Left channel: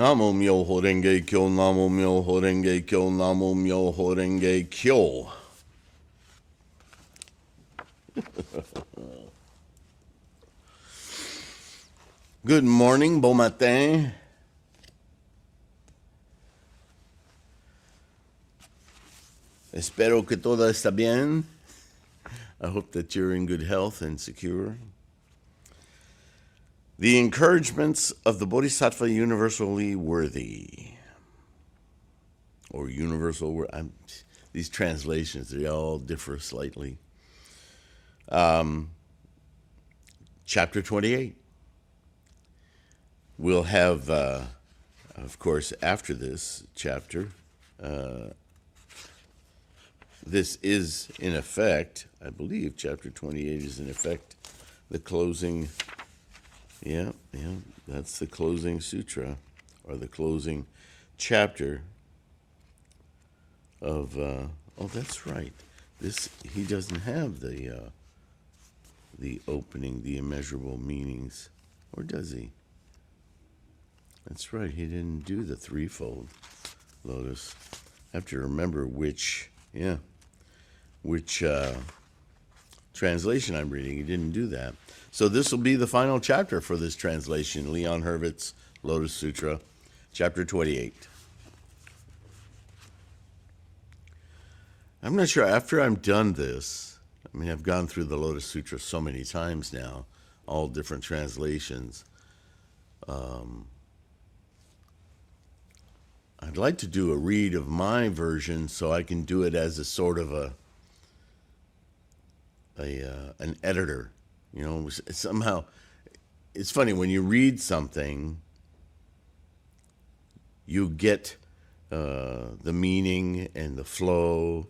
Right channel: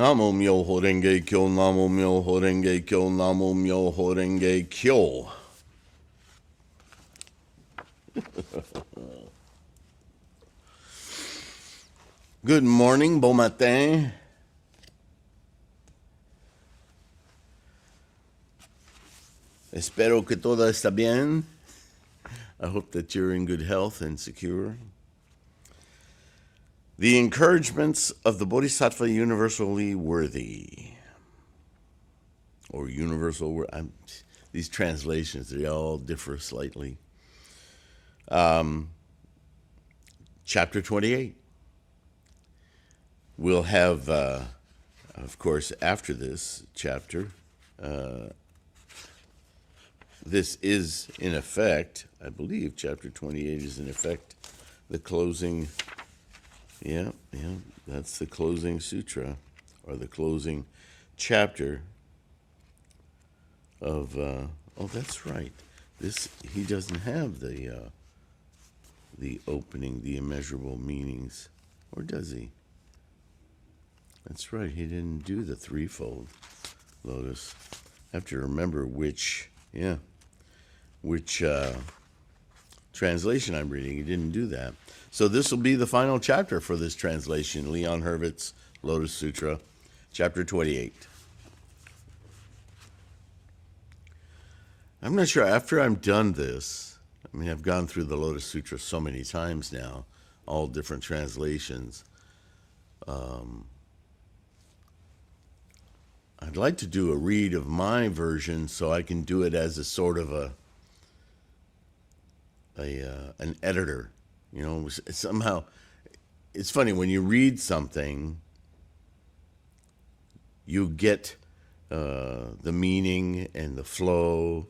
Namo Myoho Renge Kyo, Namo Myoho Renge Kyo, Namo Myoho Renge Kyo. Good morning, bon matin. Espero que todo está bien. I hope that you're in good health and secure. The encouragements of the Bodhisattva Universally Worthy. Or universal, these translations, they all differ slightly. Chapter 28. We'll have, of course, after this chapter, this is in effect, I believe chapter 28 is in effect the closing, that's the closing sutra, or the closing chapter of, oh, that's right. He doesn't have the opening, the immeasurable meanings, or does he? That's right, he didn't do the threefold, Lotus. I have to remember which translation I'm reading. He didn't do that. So this will be the final chapter for this translation, Leon Hurvitz, Lotus Sutra, chapter 28. I'm not sure, after I'm done this, I mean, I've gone through the Lotus Sutra so many times now, all different translations. I'd like to do a read of my version so I can do it as a sort of an editor. You know, somehow, it's funny, when you read something, you get the meaning and the flow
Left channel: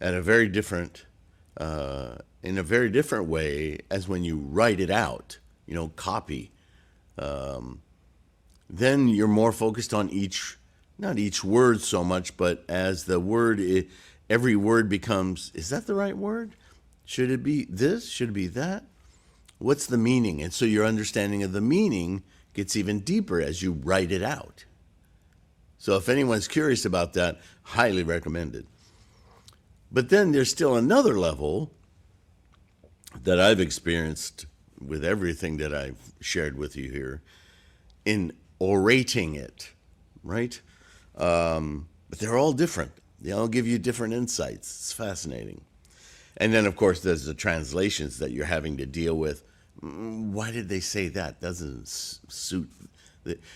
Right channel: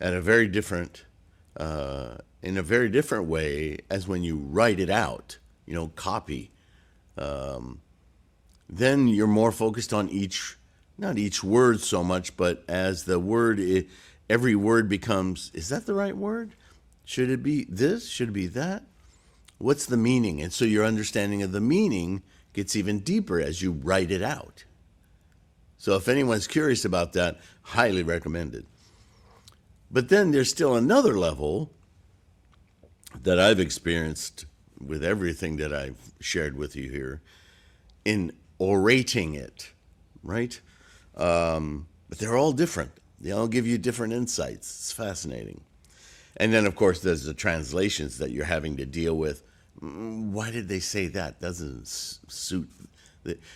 at a very different, in a very different way as when you write it out, you know, copy. Then you're more focused on not each word so much, but as the word, every word becomes, is that the right word? Should it be this? Should it be that? What's the meaning? And so your understanding of the meaning gets even deeper as you write it out. So if anyone's curious about that, highly recommended. But then there's still another level that I've experienced with everything that I've shared with you here in orating it, right? But they're all different. They all give you different insights. It's fascinating. And then, of course, there's the translations that you're having to deal with. Why did they say that? Doesn't suit.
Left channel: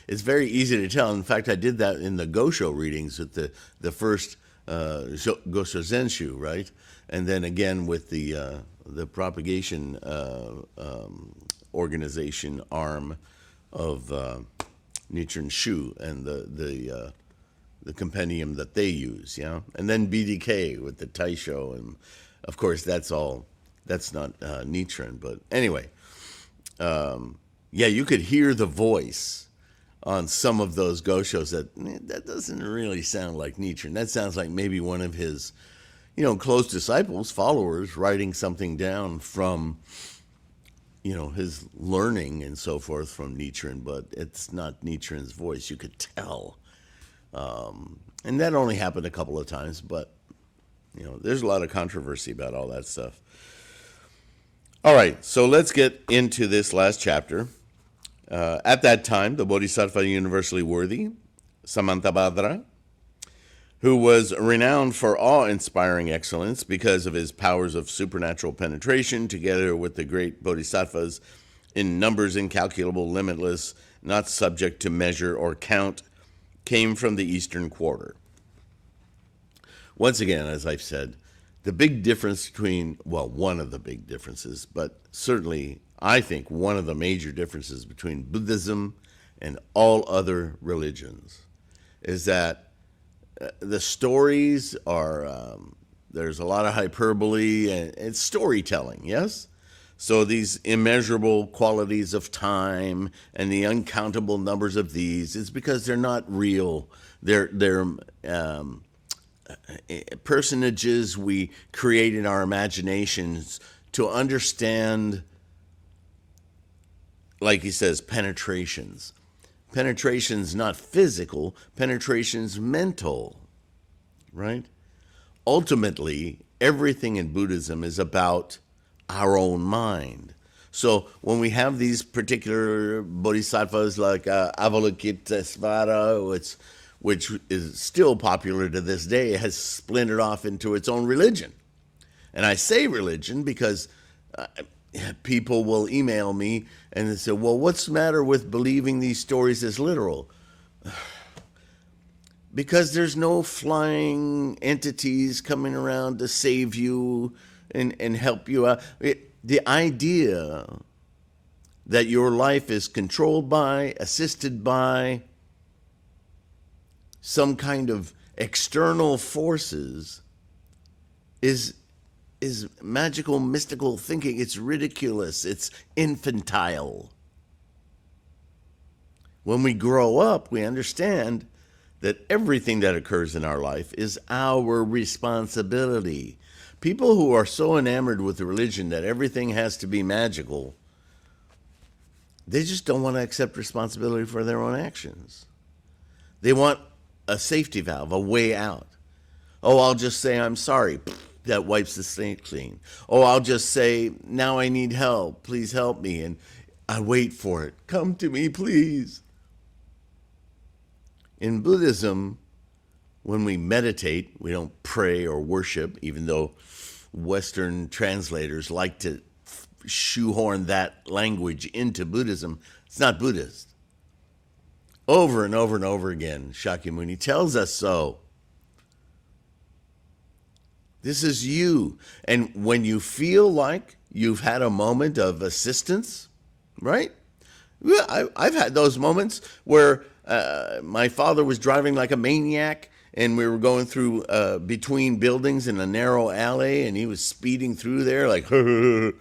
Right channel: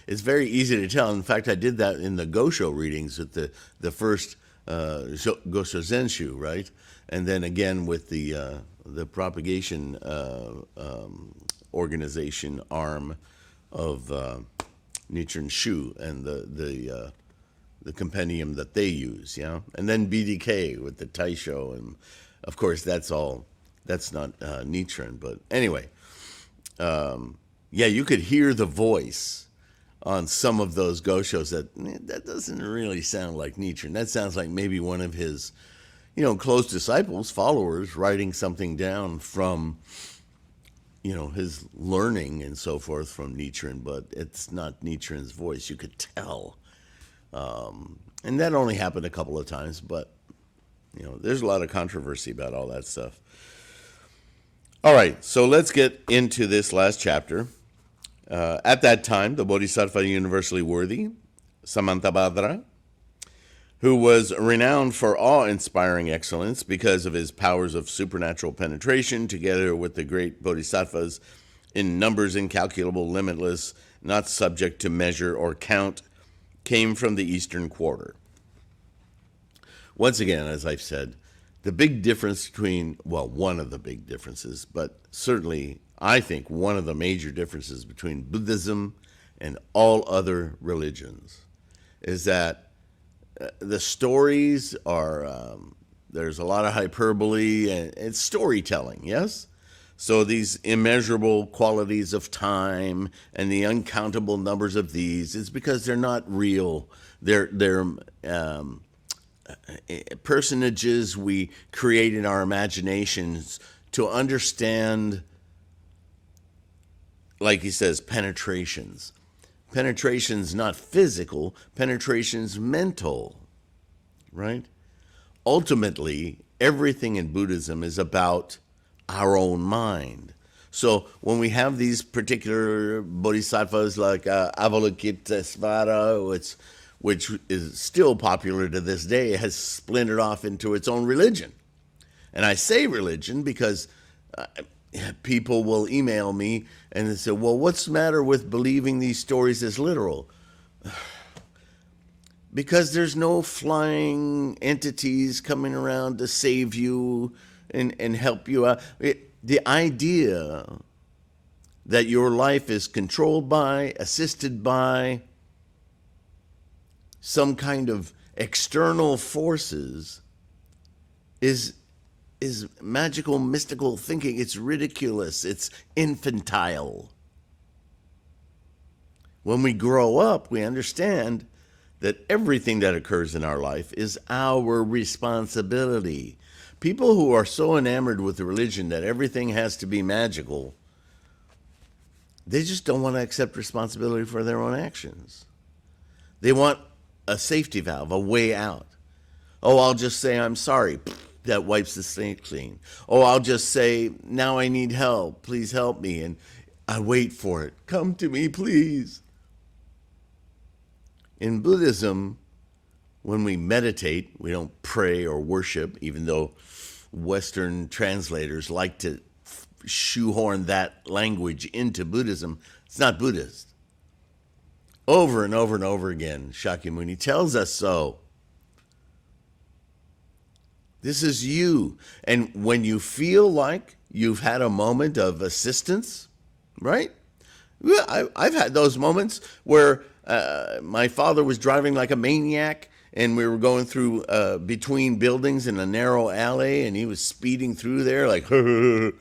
It's very easy to tell. In fact, I did that in the Gosho readings with the first Gosho Zenshu, right? And then again with the propagation organization arm of Nichiren Shu and the compendium that they use, yeah. And then BDK with the Taisho, and of course that's not Nichiren, but anyway, you could hear the voice on some of those Goshos that doesn't really sound like Nichiren. That sounds like maybe one of his, close disciples, followers, writing something down from, his learning and so forth from Nichiren, but it's not Nichiren's voice. You could tell. And that only happened a couple of times, but, there's a lot of controversy about all that stuff. All right, so let's get into this last chapter. At that time, the Bodhisattva Universally Worthy, Samantabhadra, who was renowned for awe-inspiring excellence because of his powers of supernatural penetration, together with the great bodhisattvas in numbers incalculable, limitless, not subject to measure or count, came from the Eastern Quarter. Once again, as I've said, the big difference between, one of the big differences, but certainly I think one of the major differences between Buddhism and all other religions is that the stories are, there's a lot of hyperbole and storytelling, yes? So these immeasurable qualities of time and the uncountable numbers of these is because they're not real. They're personages we create in our imaginations to understand like he says, penetrations. Penetration's not physical, penetration's mental, right? Ultimately, everything in Buddhism is about our own mind. So when we have these particular bodhisattvas like Avalokitesvara, which is still popular to this day, has splintered off into its own religion. And I say religion because people will email me and they say, well, what's the matter with believing these stories as literal? Because there's no flying entities coming around to save you and help you out. The idea that your life is controlled by, assisted by some kind of external forces is magical, mystical thinking. It's ridiculous. It's infantile. When we grow up, we understand that everything that occurs in our life is our responsibility. People who are so enamored with the religion that everything has to be magical, they just don't want to accept responsibility for their own actions. They want a safety valve, a way out. Oh, I'll just say I'm sorry. That wipes the slate clean. Oh, I'll just say, now I need help. Please help me. And I wait for it. Come to me, please. In Buddhism, when we meditate, we don't pray or worship, even though Western translators like to shoehorn that language into Buddhism. It's not Buddhist. Over and over and over again, Shakyamuni tells us so. This is you. And when you feel like you've had a moment of assistance, right? I've had those moments where my father was driving like a maniac and we were going through between buildings in a narrow alley and he was speeding through there like, and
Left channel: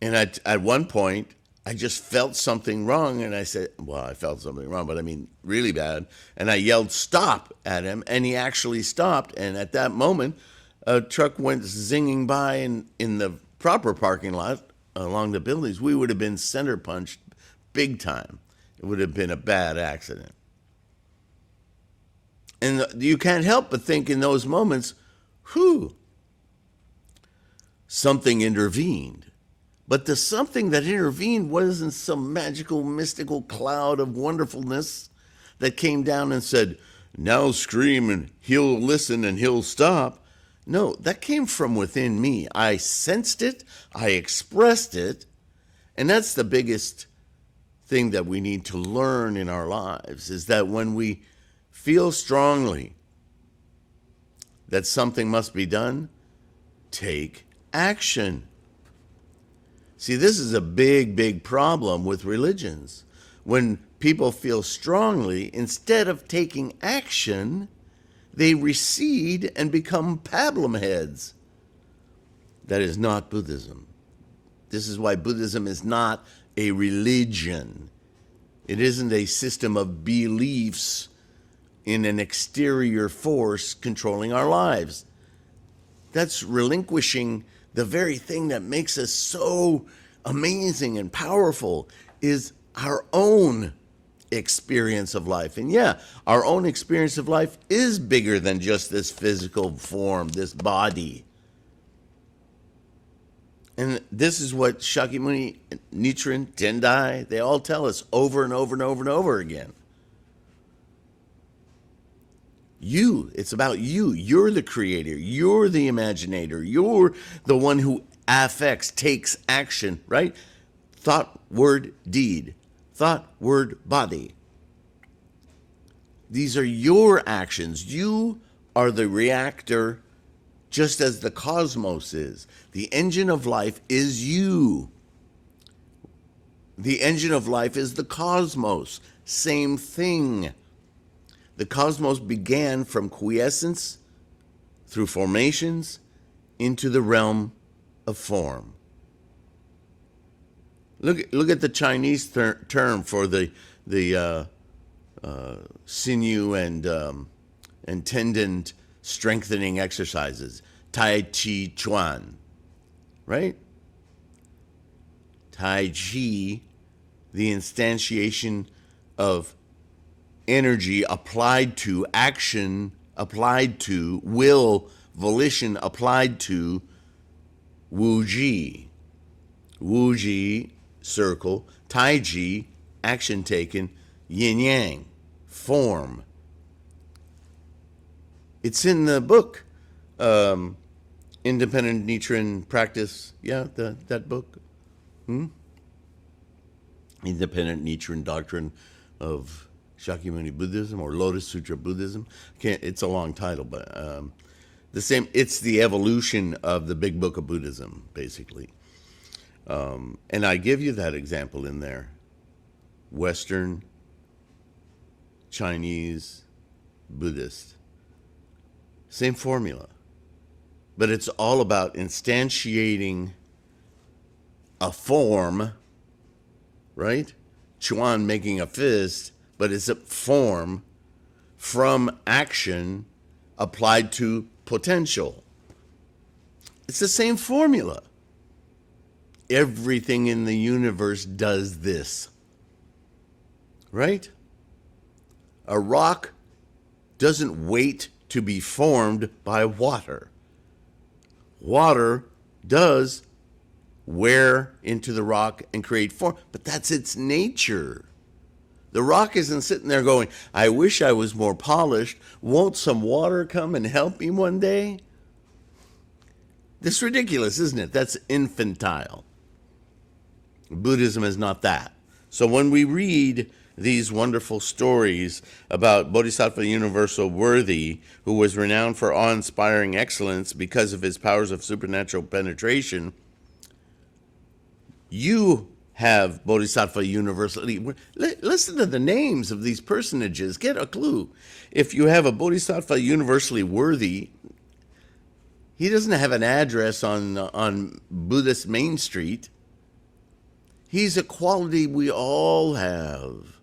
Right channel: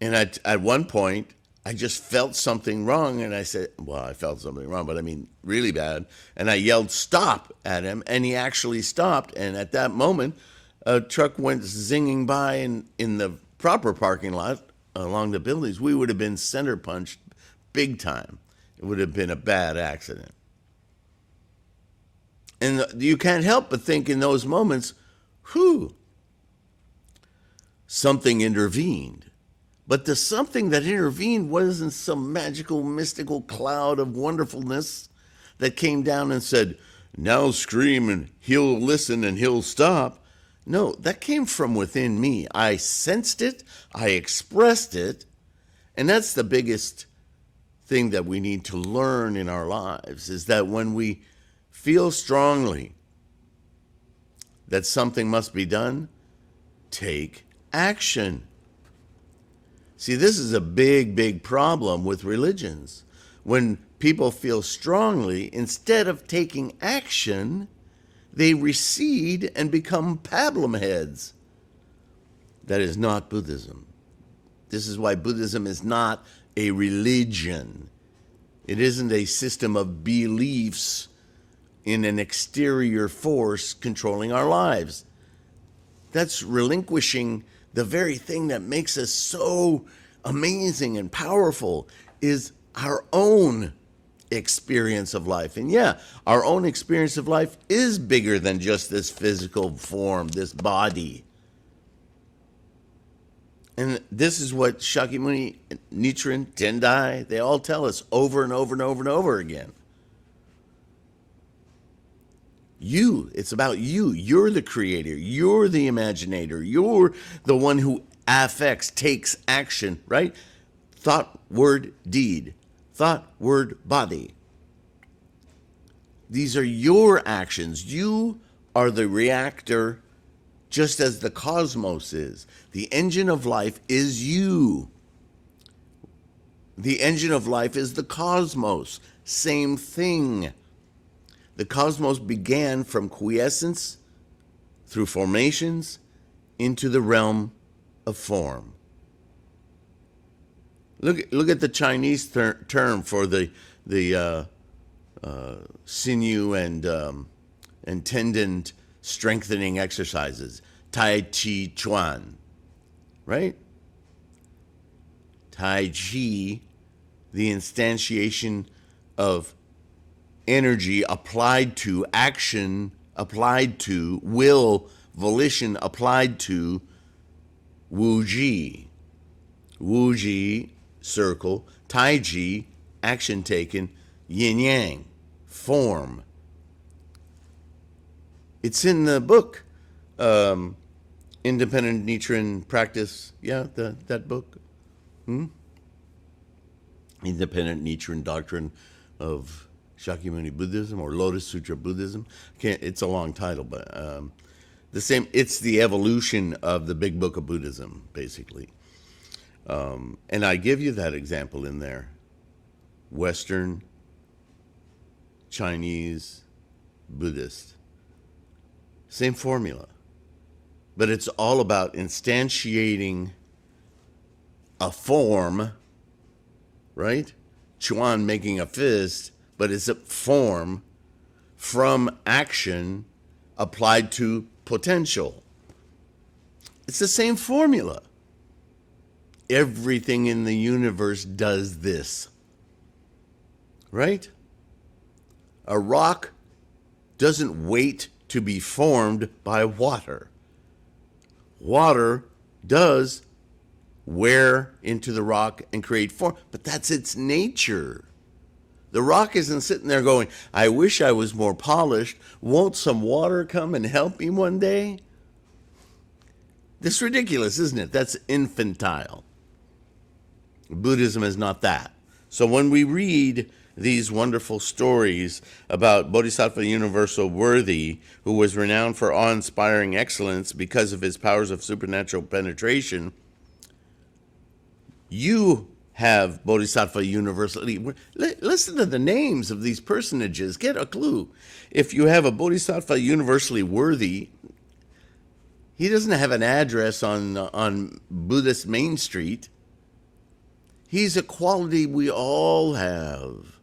at one point, I just felt something wrong, and I said, well, I felt something wrong, but I mean really bad, and I yelled stop at him, and he actually stopped, and at that moment, a truck went zinging by in the proper parking lot along the buildings. We would have been center punched big time. It would have been a bad accident. And you can't help but think in those moments, something intervened. But the something that intervened wasn't some magical, mystical cloud of wonderfulness that came down and said, now scream and he'll listen and he'll stop. No, that came from within me. I sensed it, I expressed it, and that's the biggest thing that we need to learn in our lives, is that when we feel strongly that something must be done, take action. See, this is a big, big problem with religions. When people feel strongly, instead of taking action, they recede and become pablum heads. That is not Buddhism. This is why Buddhism is not a religion. It isn't a system of beliefs in an exterior force controlling our lives. That's relinquishing the very thing that makes us so amazing and powerful, is our own experience of life. And yeah, our own experience of life is bigger than just this physical form, this body. And this is what Shakyamuni, Nichiren, Tendai, they all tell us over and over and over and over again. You, it's about you. You're the creator. You're the imaginator. You're the one who affects, takes action, right? Thought, word, deed. Thought, word, body. These are your actions. You are the reactor, just as the cosmos is. The engine of life is you. The engine of life is the cosmos. Same thing. The cosmos began from quiescence through formations into the realm of form. Look at the Chinese term for the sinew and tendon strengthening exercises, Tai Chi Chuan, right? Tai Chi the instantiation of energy applied to action, applied to will, volition applied to Wu Ji. Wu Ji, circle, Tai Ji, action taken, yin yang, form. It's in the book, Independent Nichiren Practice. Yeah, that book. Independent Nichiren Doctrine of Shakyamuni Buddhism, or Lotus Sutra Buddhism. It's a long title, but the same. It's the evolution of the Big Book of Buddhism, basically. And I give you that example in there. Western, Chinese, Buddhist. Same formula. But it's all about instantiating a form, right? Chuan making a fist, but it's a form from action applied to potential. It's the same formula. Everything in the universe does this, right? A rock doesn't wait to be formed by water. Water does wear into the rock and create form, but that's its nature. The rock isn't sitting there going, I wish I was more polished. Won't some water come and help me one day? That's ridiculous, isn't it? That's infantile. Buddhism is not that. So when we read these wonderful stories about Bodhisattva Universally Worthy, who was renowned for awe-inspiring excellence because of his powers of supernatural penetration, you have Bodhisattva Universally. Listen to the names of these personages. Get a clue. If you have a Bodhisattva Universally Worthy, he doesn't have an address on Buddhist Main Street. He's a quality we all have.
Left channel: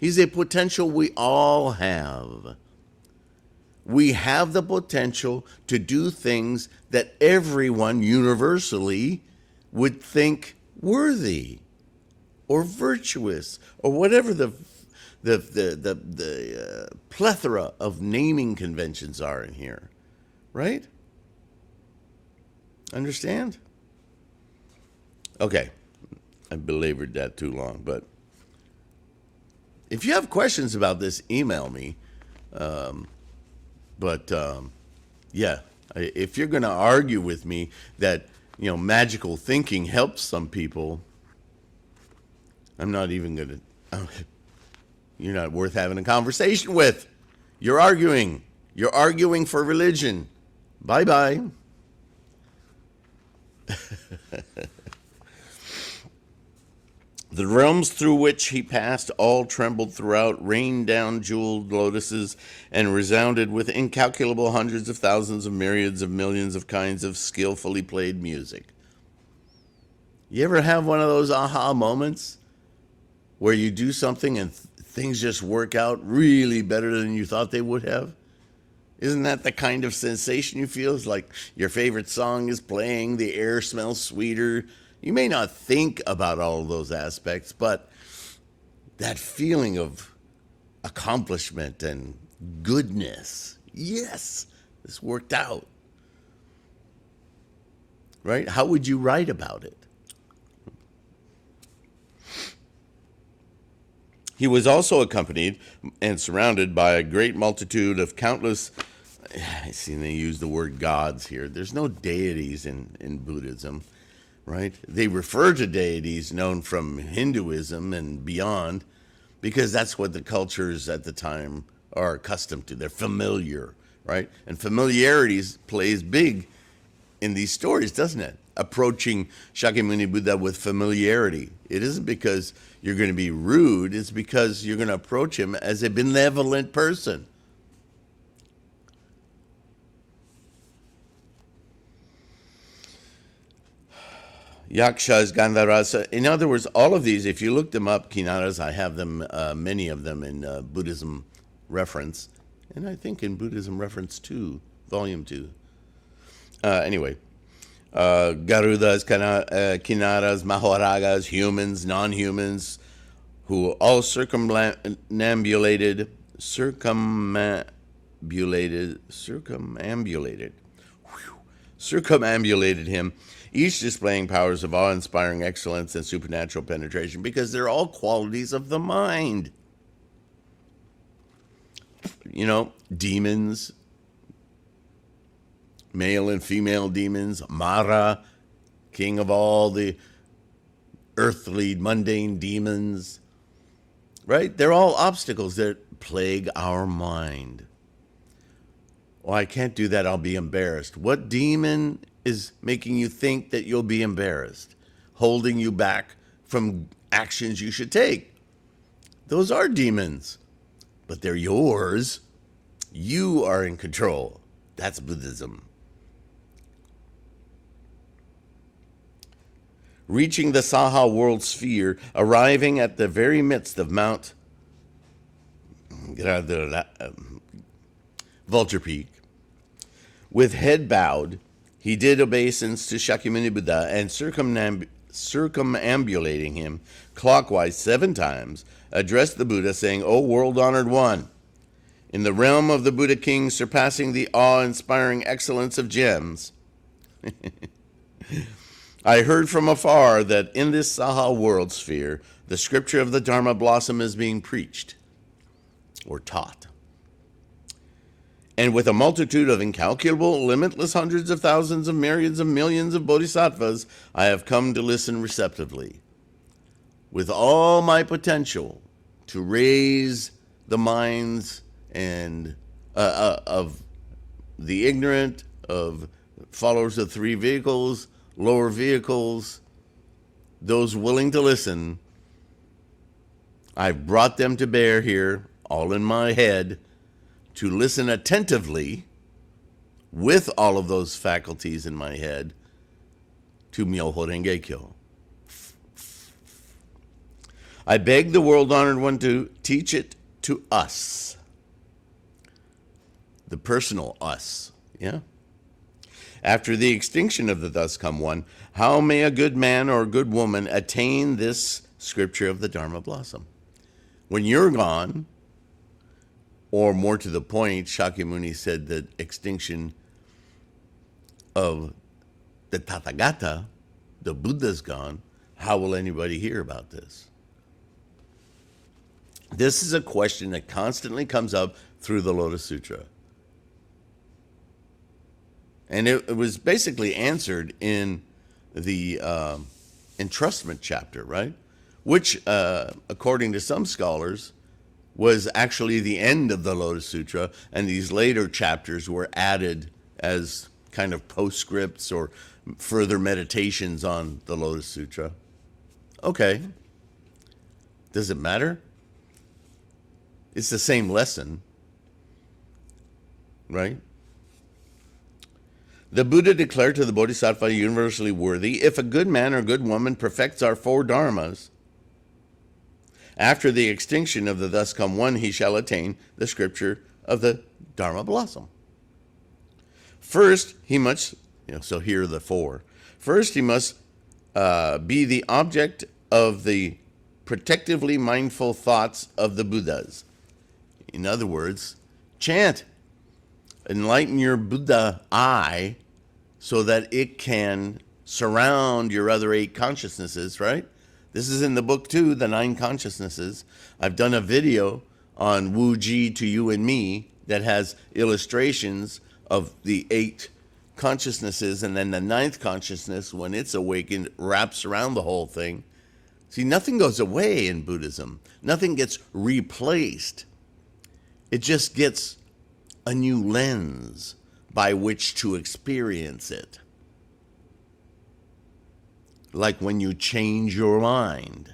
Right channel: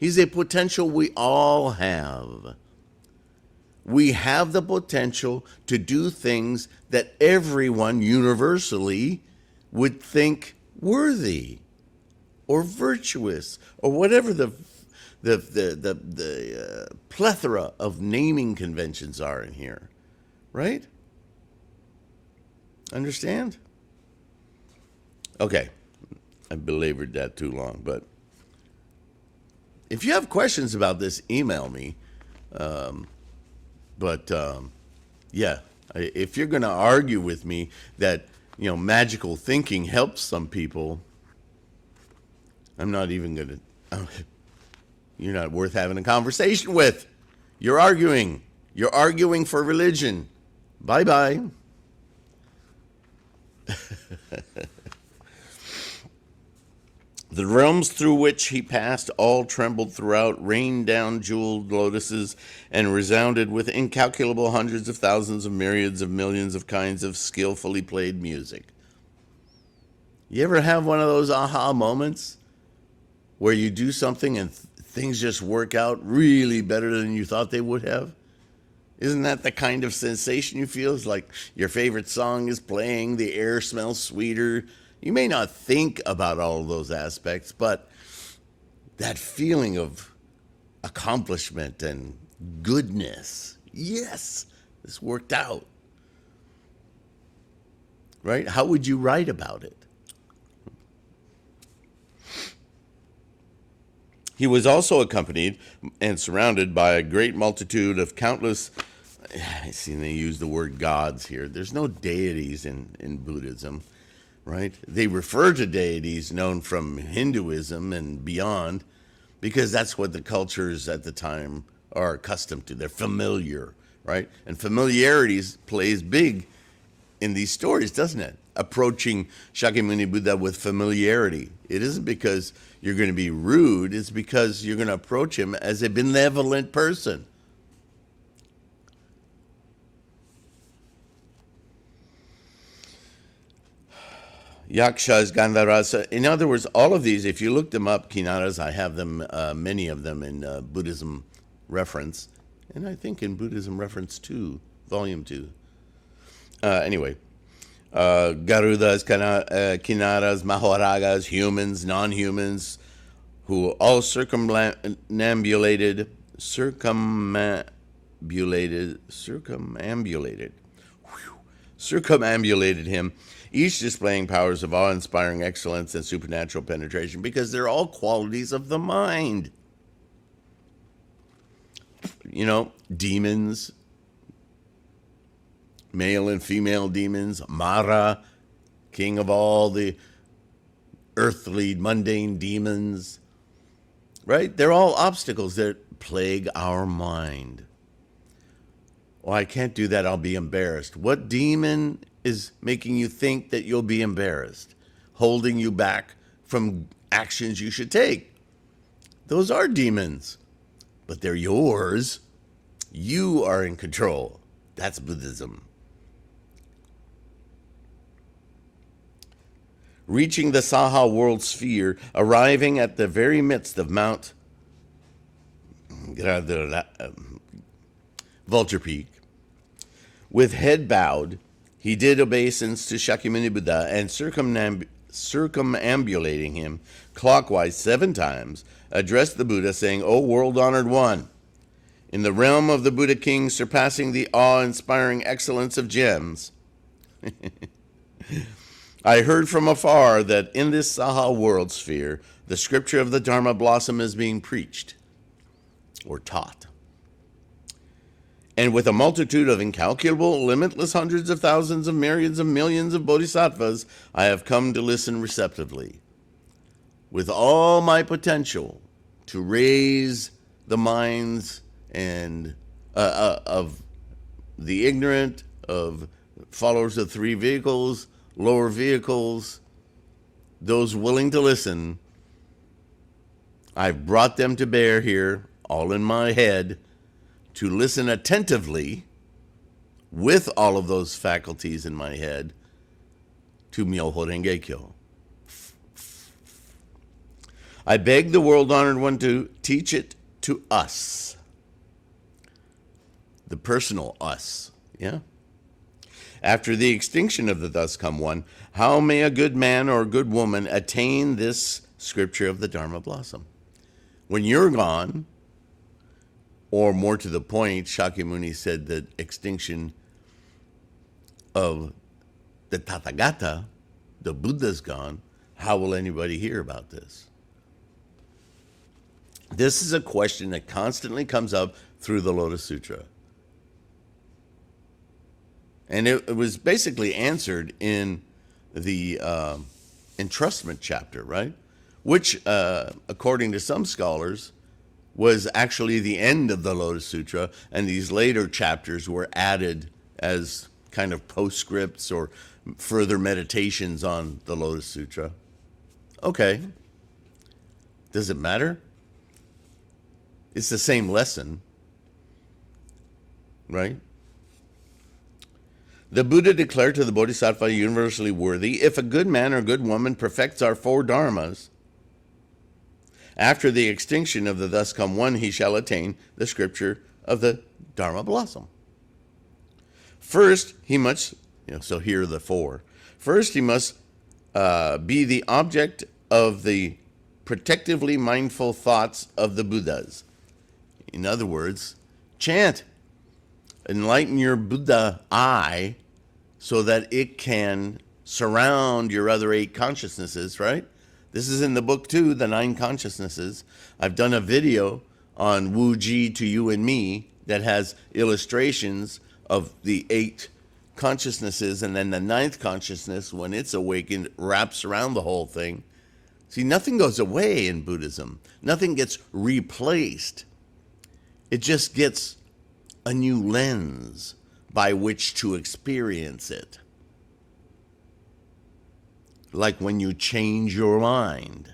He's a potential we all have. We have the potential to do things that everyone universally would think worthy or virtuous or whatever the plethora of naming conventions are in here, right? Understand? Okay. I belabored that too long, but if you have questions about this, email me. Yeah, if you're going to argue with me that, magical thinking helps some people, I'm not even going to, you're not worth having a conversation with. You're arguing. You're arguing for religion. Bye-bye. The realms through which he passed all trembled throughout, rained down jeweled lotuses, and resounded with incalculable hundreds of thousands of myriads of millions of kinds of skillfully played music. You ever have one of those aha moments where you do something and things just work out really better than you thought they would have? Isn't that the kind of sensation you feel? It's like your favorite song is playing, the air smells sweeter. You may not think about all of those aspects, but that feeling of accomplishment and goodness, yes, this worked out, right? How would you write about it? He was also accompanied and surrounded by a great multitude of countless, I see they use the word gods here. There's no deities in Buddhism. Right? They refer to deities known from Hinduism and beyond because that's what the cultures at the time are accustomed to. They're familiar, right? And familiarity plays big in these stories, doesn't it? Approaching Shakyamuni Buddha with familiarity. It isn't because you're going to be rude. It's because you're going to approach him as a benevolent person. Yakshas, Gandharvas. In other words, all of these, if you look them up, Kinnaras, I have them, many of them in Buddhism Reference, and I think in Buddhism Reference 2, Volume 2. Anyway, Garudas, Kinnaras, Mahoragas, humans, non-humans, who all circumambulated him, each displaying powers of awe-inspiring excellence and supernatural penetration, because they're all qualities of the mind. You know, demons, male and female demons, Mara, king of all the earthly, mundane demons, right? They're all obstacles that plague our mind. Well, I can't do that, I'll be embarrassed. What demon is making you think that you'll be embarrassed, holding you back from actions you should take? Those are demons, but they're yours. You are in control. That's Buddhism. Reaching the Saha world sphere, arriving at the very midst of Mount Vulture Peak. With head bowed, he did obeisance to Shakyamuni Buddha, and circumambulating him clockwise 7 times, addressed the Buddha, saying, "O world-honored one, in the realm of the Buddha King, surpassing the awe-inspiring excellence of gems, I heard from afar that in this Saha world sphere, the scripture of the Dharma blossom is being preached or taught. And with a multitude of incalculable, limitless hundreds of thousands of myriads of millions of bodhisattvas, I have come to listen receptively, with all my potential to raise the minds and of the ignorant, of followers of 3 vehicles, lower vehicles, those willing to listen. I've brought them to bear here, all in my head, to listen attentively with all of those faculties in my head to Myoho Renge Kyo. I beg the world-honored one to teach it to us, the personal us, yeah? After the extinction of the thus come one, how may a good man or a good woman attain this scripture of the Dharma blossom? When you're gone, or more to the point, Shakyamuni said that extinction of the Tathagata, the Buddha's gone, how will anybody hear about this? This is a question that constantly comes up through the Lotus Sutra. And it was basically answered in the entrustment chapter, right? Which, according to some scholars, was actually the end of the Lotus Sutra, and these later chapters were added as kind of postscripts or further meditations on the Lotus Sutra. Okay. Does it matter? It's the same lesson, right? The Buddha declared to the Bodhisattva Universally Worthy, if a good man or good woman perfects our 4 dharmas, after the extinction of the thus come one, he shall attain the scripture of the Dharma blossom. First, he must, so here are the 4. First, he must be the object of the protectively mindful thoughts of the Buddhas. In other words, chant. Enlighten your Buddha eye so that it can surround your other 8 consciousnesses, right? This is in the book too, the 9 consciousnesses. I've done a video on Wu Ji to you and me that has illustrations of the 8 consciousnesses, and then the 9th consciousness, when it's awakened, wraps around the whole thing. See, nothing goes away in Buddhism. Nothing gets replaced. It just gets a new lens by which to experience it. Like when you change your mind.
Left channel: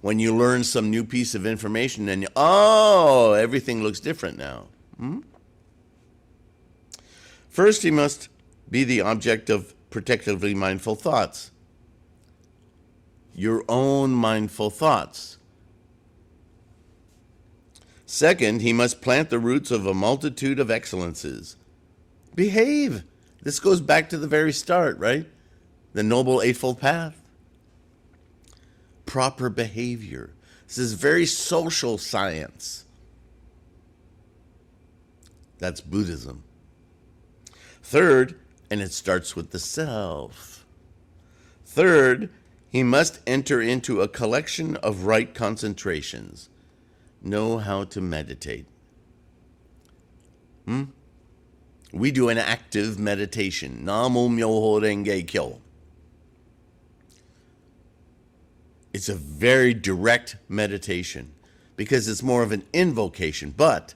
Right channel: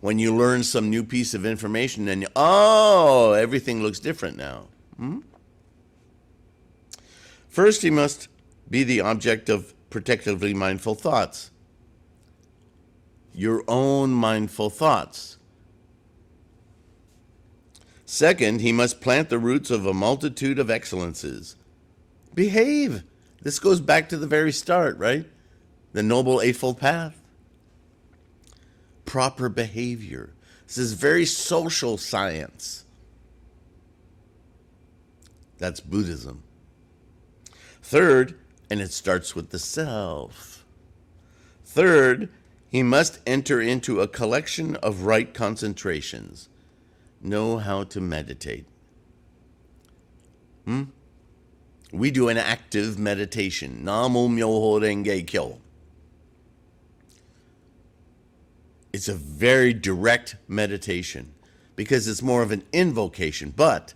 When you learn some new piece of information and everything looks different now. First, he must be the object of protectively mindful thoughts. Your own mindful thoughts. Second, he must plant the roots of a multitude of excellences. Behave. This goes back to the very start, right? The Noble Eightfold Path. proper behavior. This is very social science. That's Buddhism. Third, and it starts with the self. Third, he must enter into a collection of right concentrations. Know how to meditate. We do an active meditation. Namo Myoho Renge Kyo. It's a very direct meditation because it's more of an invocation. But,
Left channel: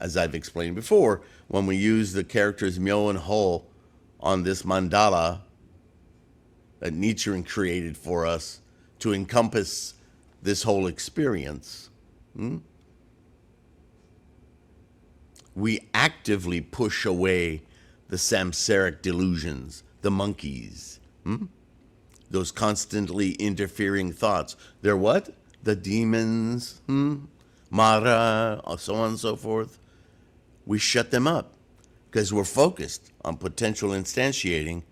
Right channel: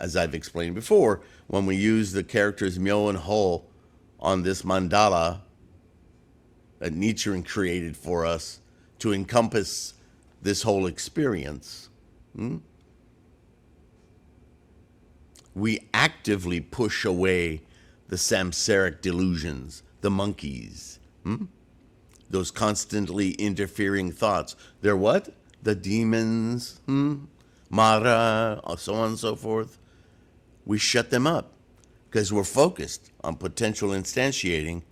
as I've explained before, when we use the characters Myo and Ho on this mandala that Nichiren created for us to encompass this whole experience, we actively push away the samsaric delusions, the monkeys, those constantly interfering thoughts. They're what? The demons, Mara, so on and so forth. We shut them up because we're focused on potential instantiating.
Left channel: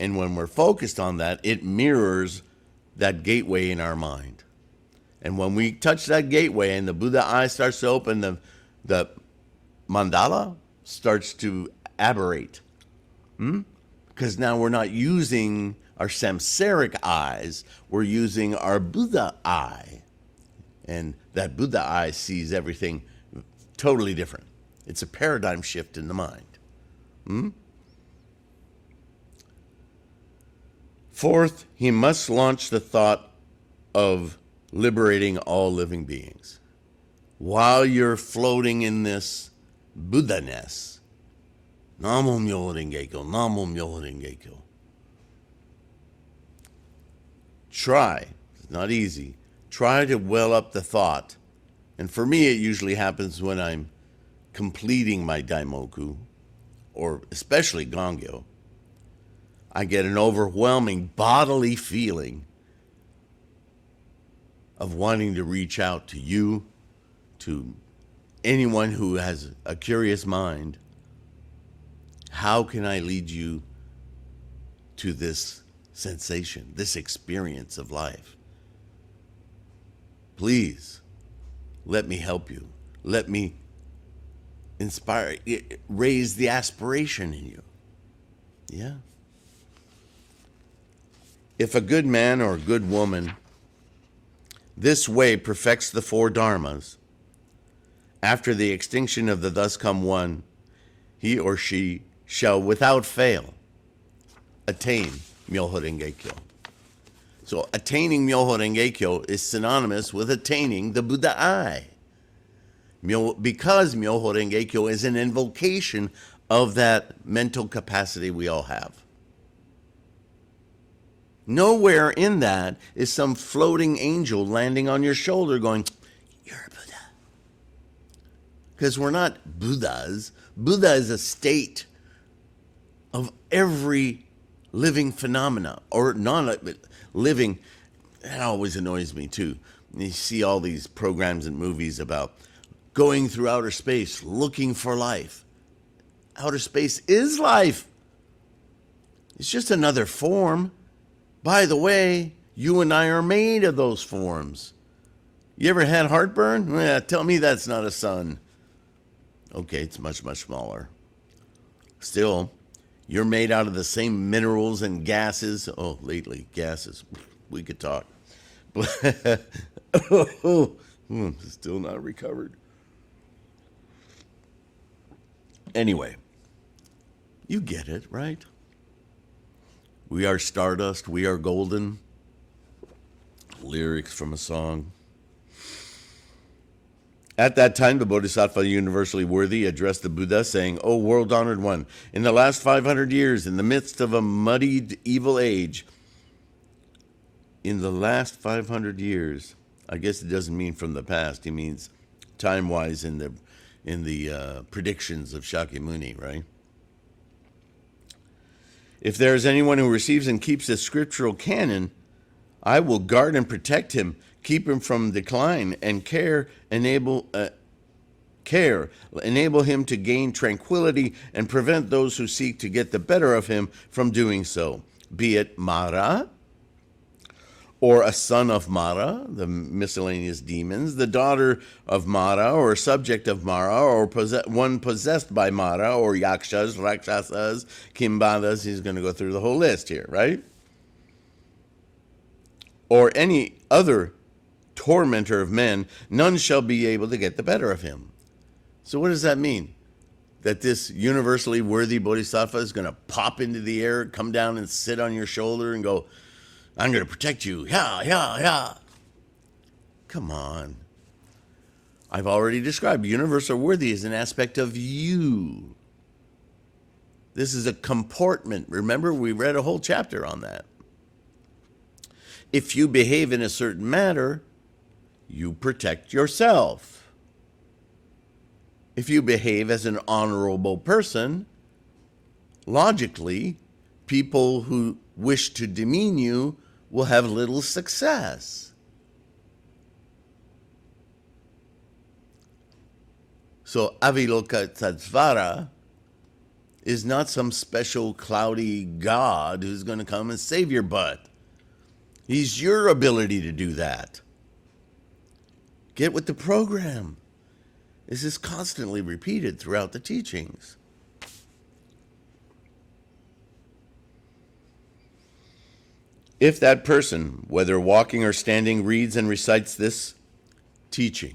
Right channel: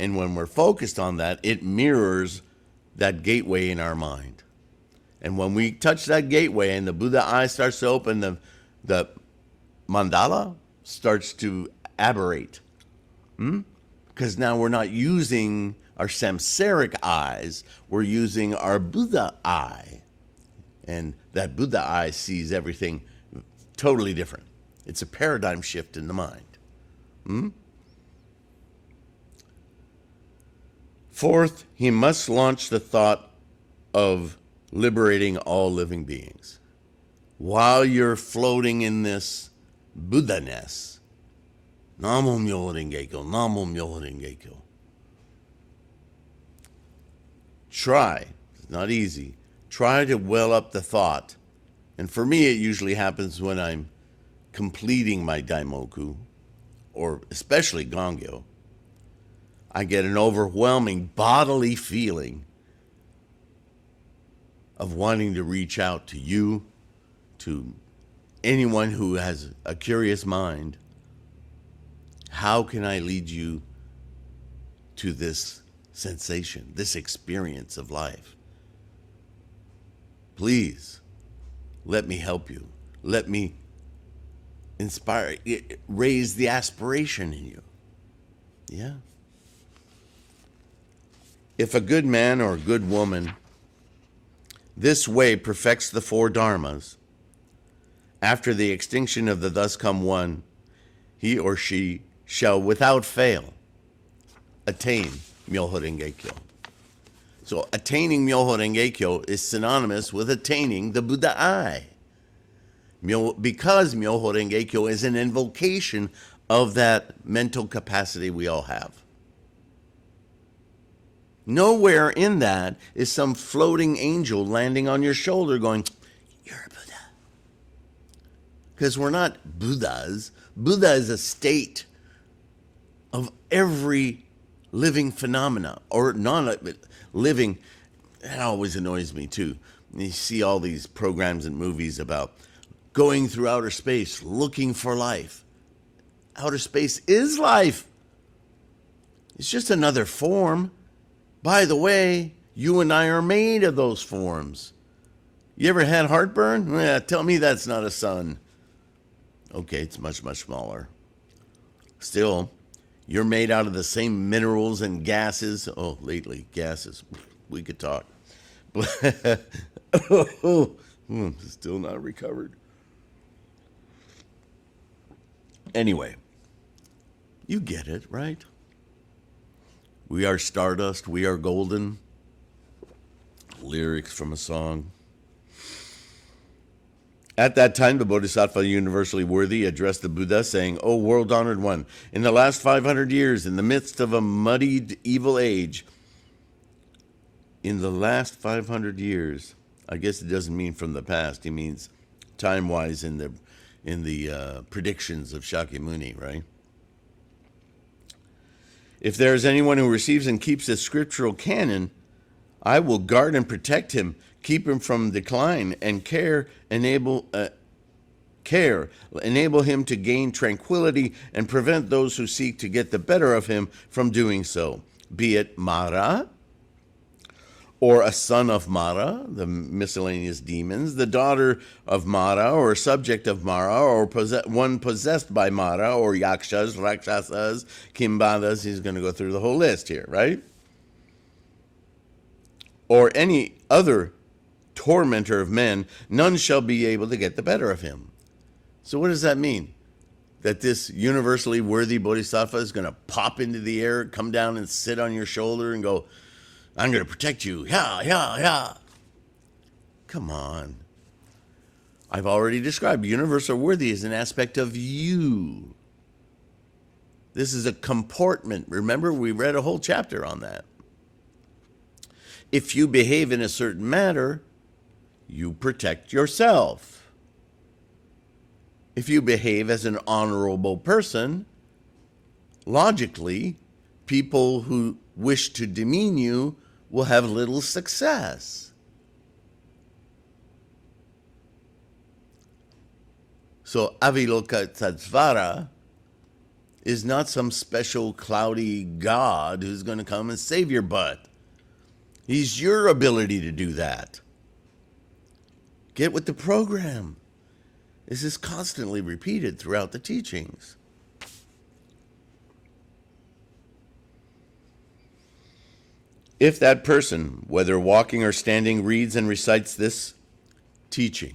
And when we're focused on that, it mirrors that gateway in our mind. And when we touch that gateway and the Buddha eye starts to open, the mandala starts to aberrate. Because now we're not using our samsaric eyes, we're using our Buddha eye. And that Buddha eye sees everything totally different. It's a paradigm shift in the mind. Fourth, he must launch the thought of liberating all living beings. While you're floating in this Buddha-ness, Namo Myoho Renge Kyo, Namo Myoho Renge Kyo. Try, it's not easy, try to well up the thought. And for me, it usually happens when I'm completing my Daimoku, or especially Gongyo. I get an overwhelming bodily feeling of wanting to reach out to you, to anyone who has a curious mind. How can I lead you to this sensation, this experience of life? Please, let me help you. Let me inspire, raise the aspiration in you. Yeah. If a good man or a good woman this way perfects the four dharmas, after the extinction of the thus come one, he or she shall without fail attain Myoho Renge Kyo. So attaining Myoho Renge Kyo is synonymous with attaining the Buddha eye. Because Myoho Renge Kyo is an invocation of that mental capacity we all have. Nowhere in that is some floating angel landing on your shoulder going, you're a Buddha. Because we're not Buddhas. Buddha is a state of every living phenomena, or non-living. That always annoys me too. You see all these programs and movies about going through outer space, looking for life. Outer space is life. It's just another form. By the way, you and I are made of those forms. You ever had heartburn? Tell me that's not a sun. Okay, it's much, much smaller. Still, you're made out of the same minerals and gases. Oh, lately, gases. We could talk. Still not recovered. Anyway, you get it, right? We are stardust, we are golden. Lyrics from a song. At that time, the Bodhisattva Universally Worthy addressed the Buddha, saying, O world-honored one, in the last 500 years, in the midst of a muddied evil age, in the last 500 years, I guess it doesn't mean from the past, he means time-wise in the predictions of Shakyamuni, right? If there is anyone who receives and keeps the scriptural canon, I will guard and protect him, keep him from decline, and enable him to gain tranquility and prevent those who seek to get the better of him from doing so, be it Mara, or a son of Mara, the miscellaneous demons, the daughter of Mara, or subject of Mara, or one possessed by Mara, or yakshas, rakshasas, kimbadas. He's going to go through the whole list here, right? Or any other tormentor of men, none shall be able to get the better of him. So what does that mean? That this universally worthy bodhisattva is going to pop into the air, come down and sit on your shoulder and go, I'm going to protect you. Yeah, yeah, yeah. Come on. I've already described universal worthy as an aspect of you. This is a comportment. Remember, we read a whole chapter on that. If you behave in a certain manner, you protect yourself. If you behave as an honorable person, logically, people who wish to demean you will have little success. So Avalokitesvara is not some special cloudy god who's going to come and save your butt. He's your ability to do that. Get with the program. This is constantly repeated throughout the teachings. If that person, whether walking or standing, reads and recites this teaching,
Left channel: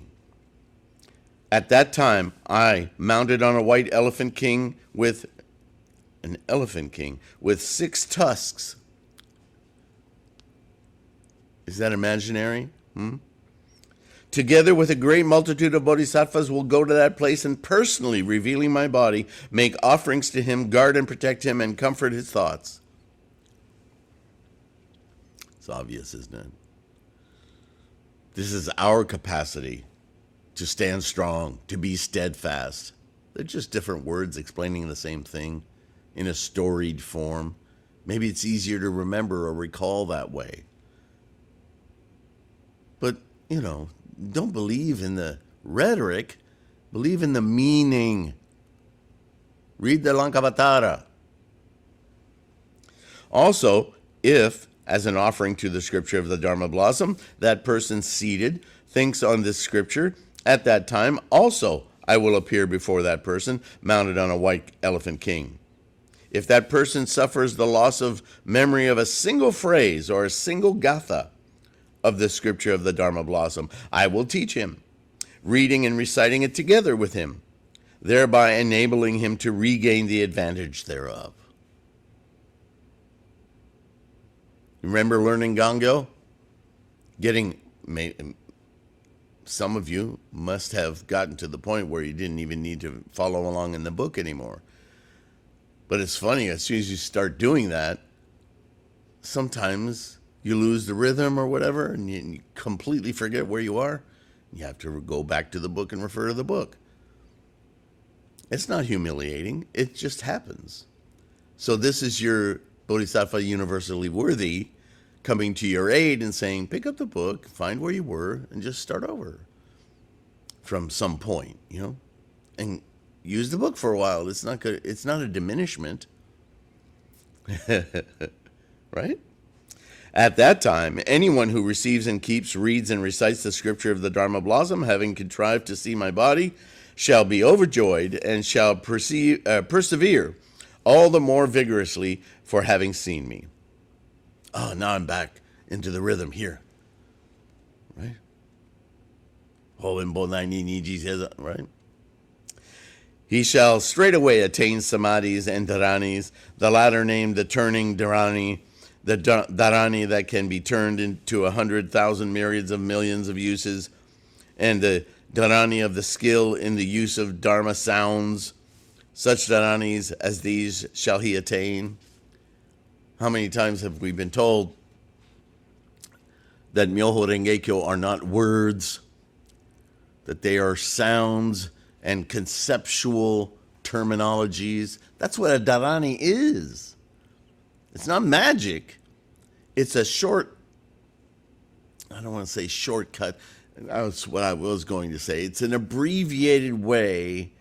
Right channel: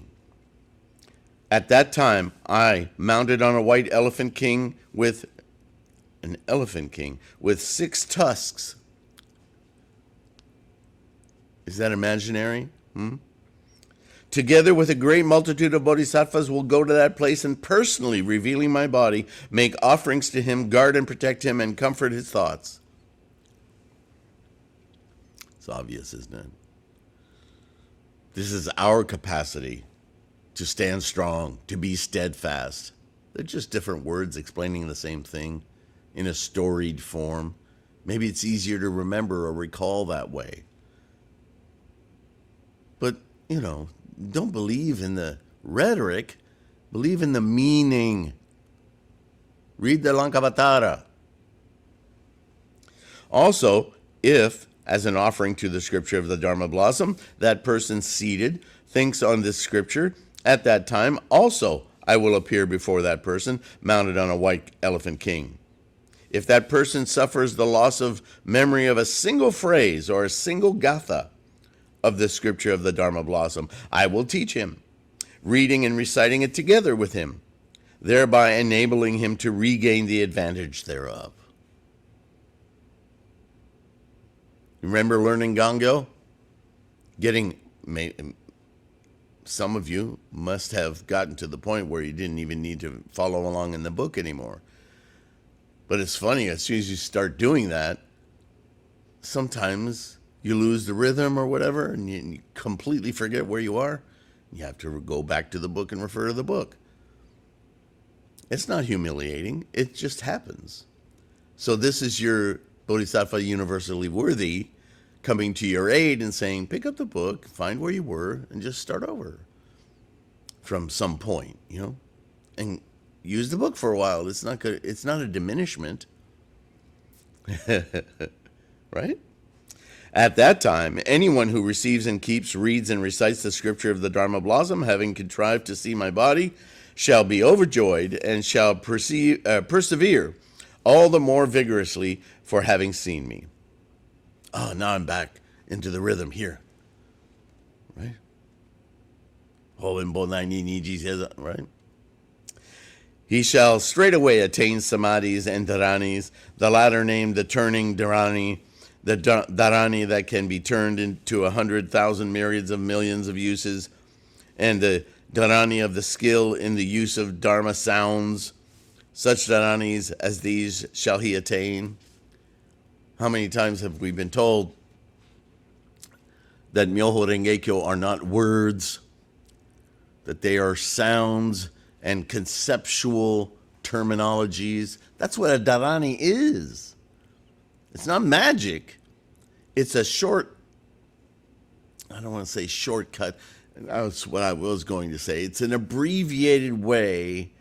at that time I, mounted on a white elephant king with 6 tusks. Is that imaginary? Together with a great multitude of bodhisattvas will go to that place and personally, revealing my body, make offerings to him, guard and protect him, and comfort his thoughts. It's obvious, isn't it? This is our capacity to stand strong, to be steadfast. They're just different words explaining the same thing in a storied form. Maybe it's easier to remember or recall that way. But, don't believe in the rhetoric, believe in the meaning. Read the Lankavatara. Also, if, as an offering to the scripture of the Dharma blossom, that person seated thinks on this scripture, at that time also I will appear before that person, mounted on a white elephant king. If that person suffers the loss of memory of a single phrase or a single gatha of the scripture of the Dharma blossom, I will teach him, reading and reciting it together with him, thereby enabling him to regain the advantage thereof. Remember learning Gangyo? Some of you must have gotten to the point where you didn't even need to follow along in the book anymore. But it's funny, as soon as you start doing that, sometimes you lose the rhythm or whatever, and you completely forget where you are. You have to go back to the book and refer to the book. It's not humiliating. It just happens. So this is your Bodhisattva Universally Worthy coming to your aid and saying, pick up the book, find where you were, and just start over from some point, and use the book for a while. It's not good. It's not a diminishment. Right? At that time, anyone who receives and keeps, reads, and recites the scripture of the Dharma blossom, having contrived to see my body, shall be overjoyed and shall persevere all the more vigorously for having seen me. Oh, now I'm back into the rhythm here. Right? Right? He shall straightway attain samadhis and dharanis, the latter named the turning dharani, the dharani that can be turned into 100,000 myriads of millions of uses, and the dharani of the skill in the use of dharma sounds. Such dharanis as these shall he attain. How many times have we been told that Myoho Renge-kyo are not words, that they are sounds and conceptual terminologies? That's what a dharani is. It's not magic. It's a short, I don't want to say shortcut. That's what I was going to say. It's an abbreviated way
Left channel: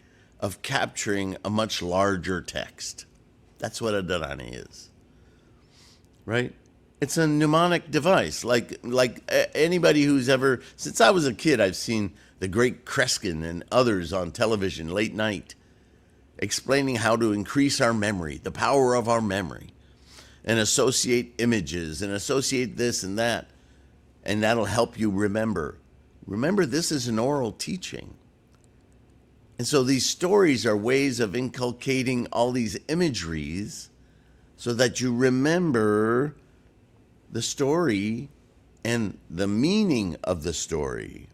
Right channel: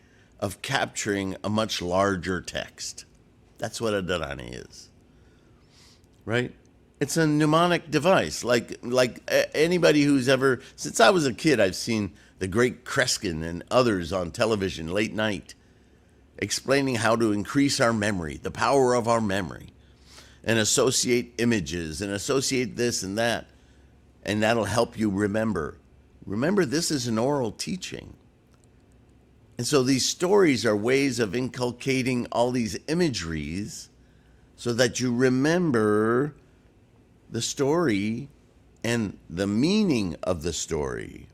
of capturing a much larger text. That's what a dharani is. Right? It's a mnemonic device. Anybody who's ever, since I was a kid, I've seen the great Kreskin and others on television late night explaining how to increase our memory, the power of our memory, and associate images and associate this and that. And that'll help you remember. Remember, this is an oral teaching. And so these stories are ways of inculcating all these imageries so that you remember the story and the meaning of the story.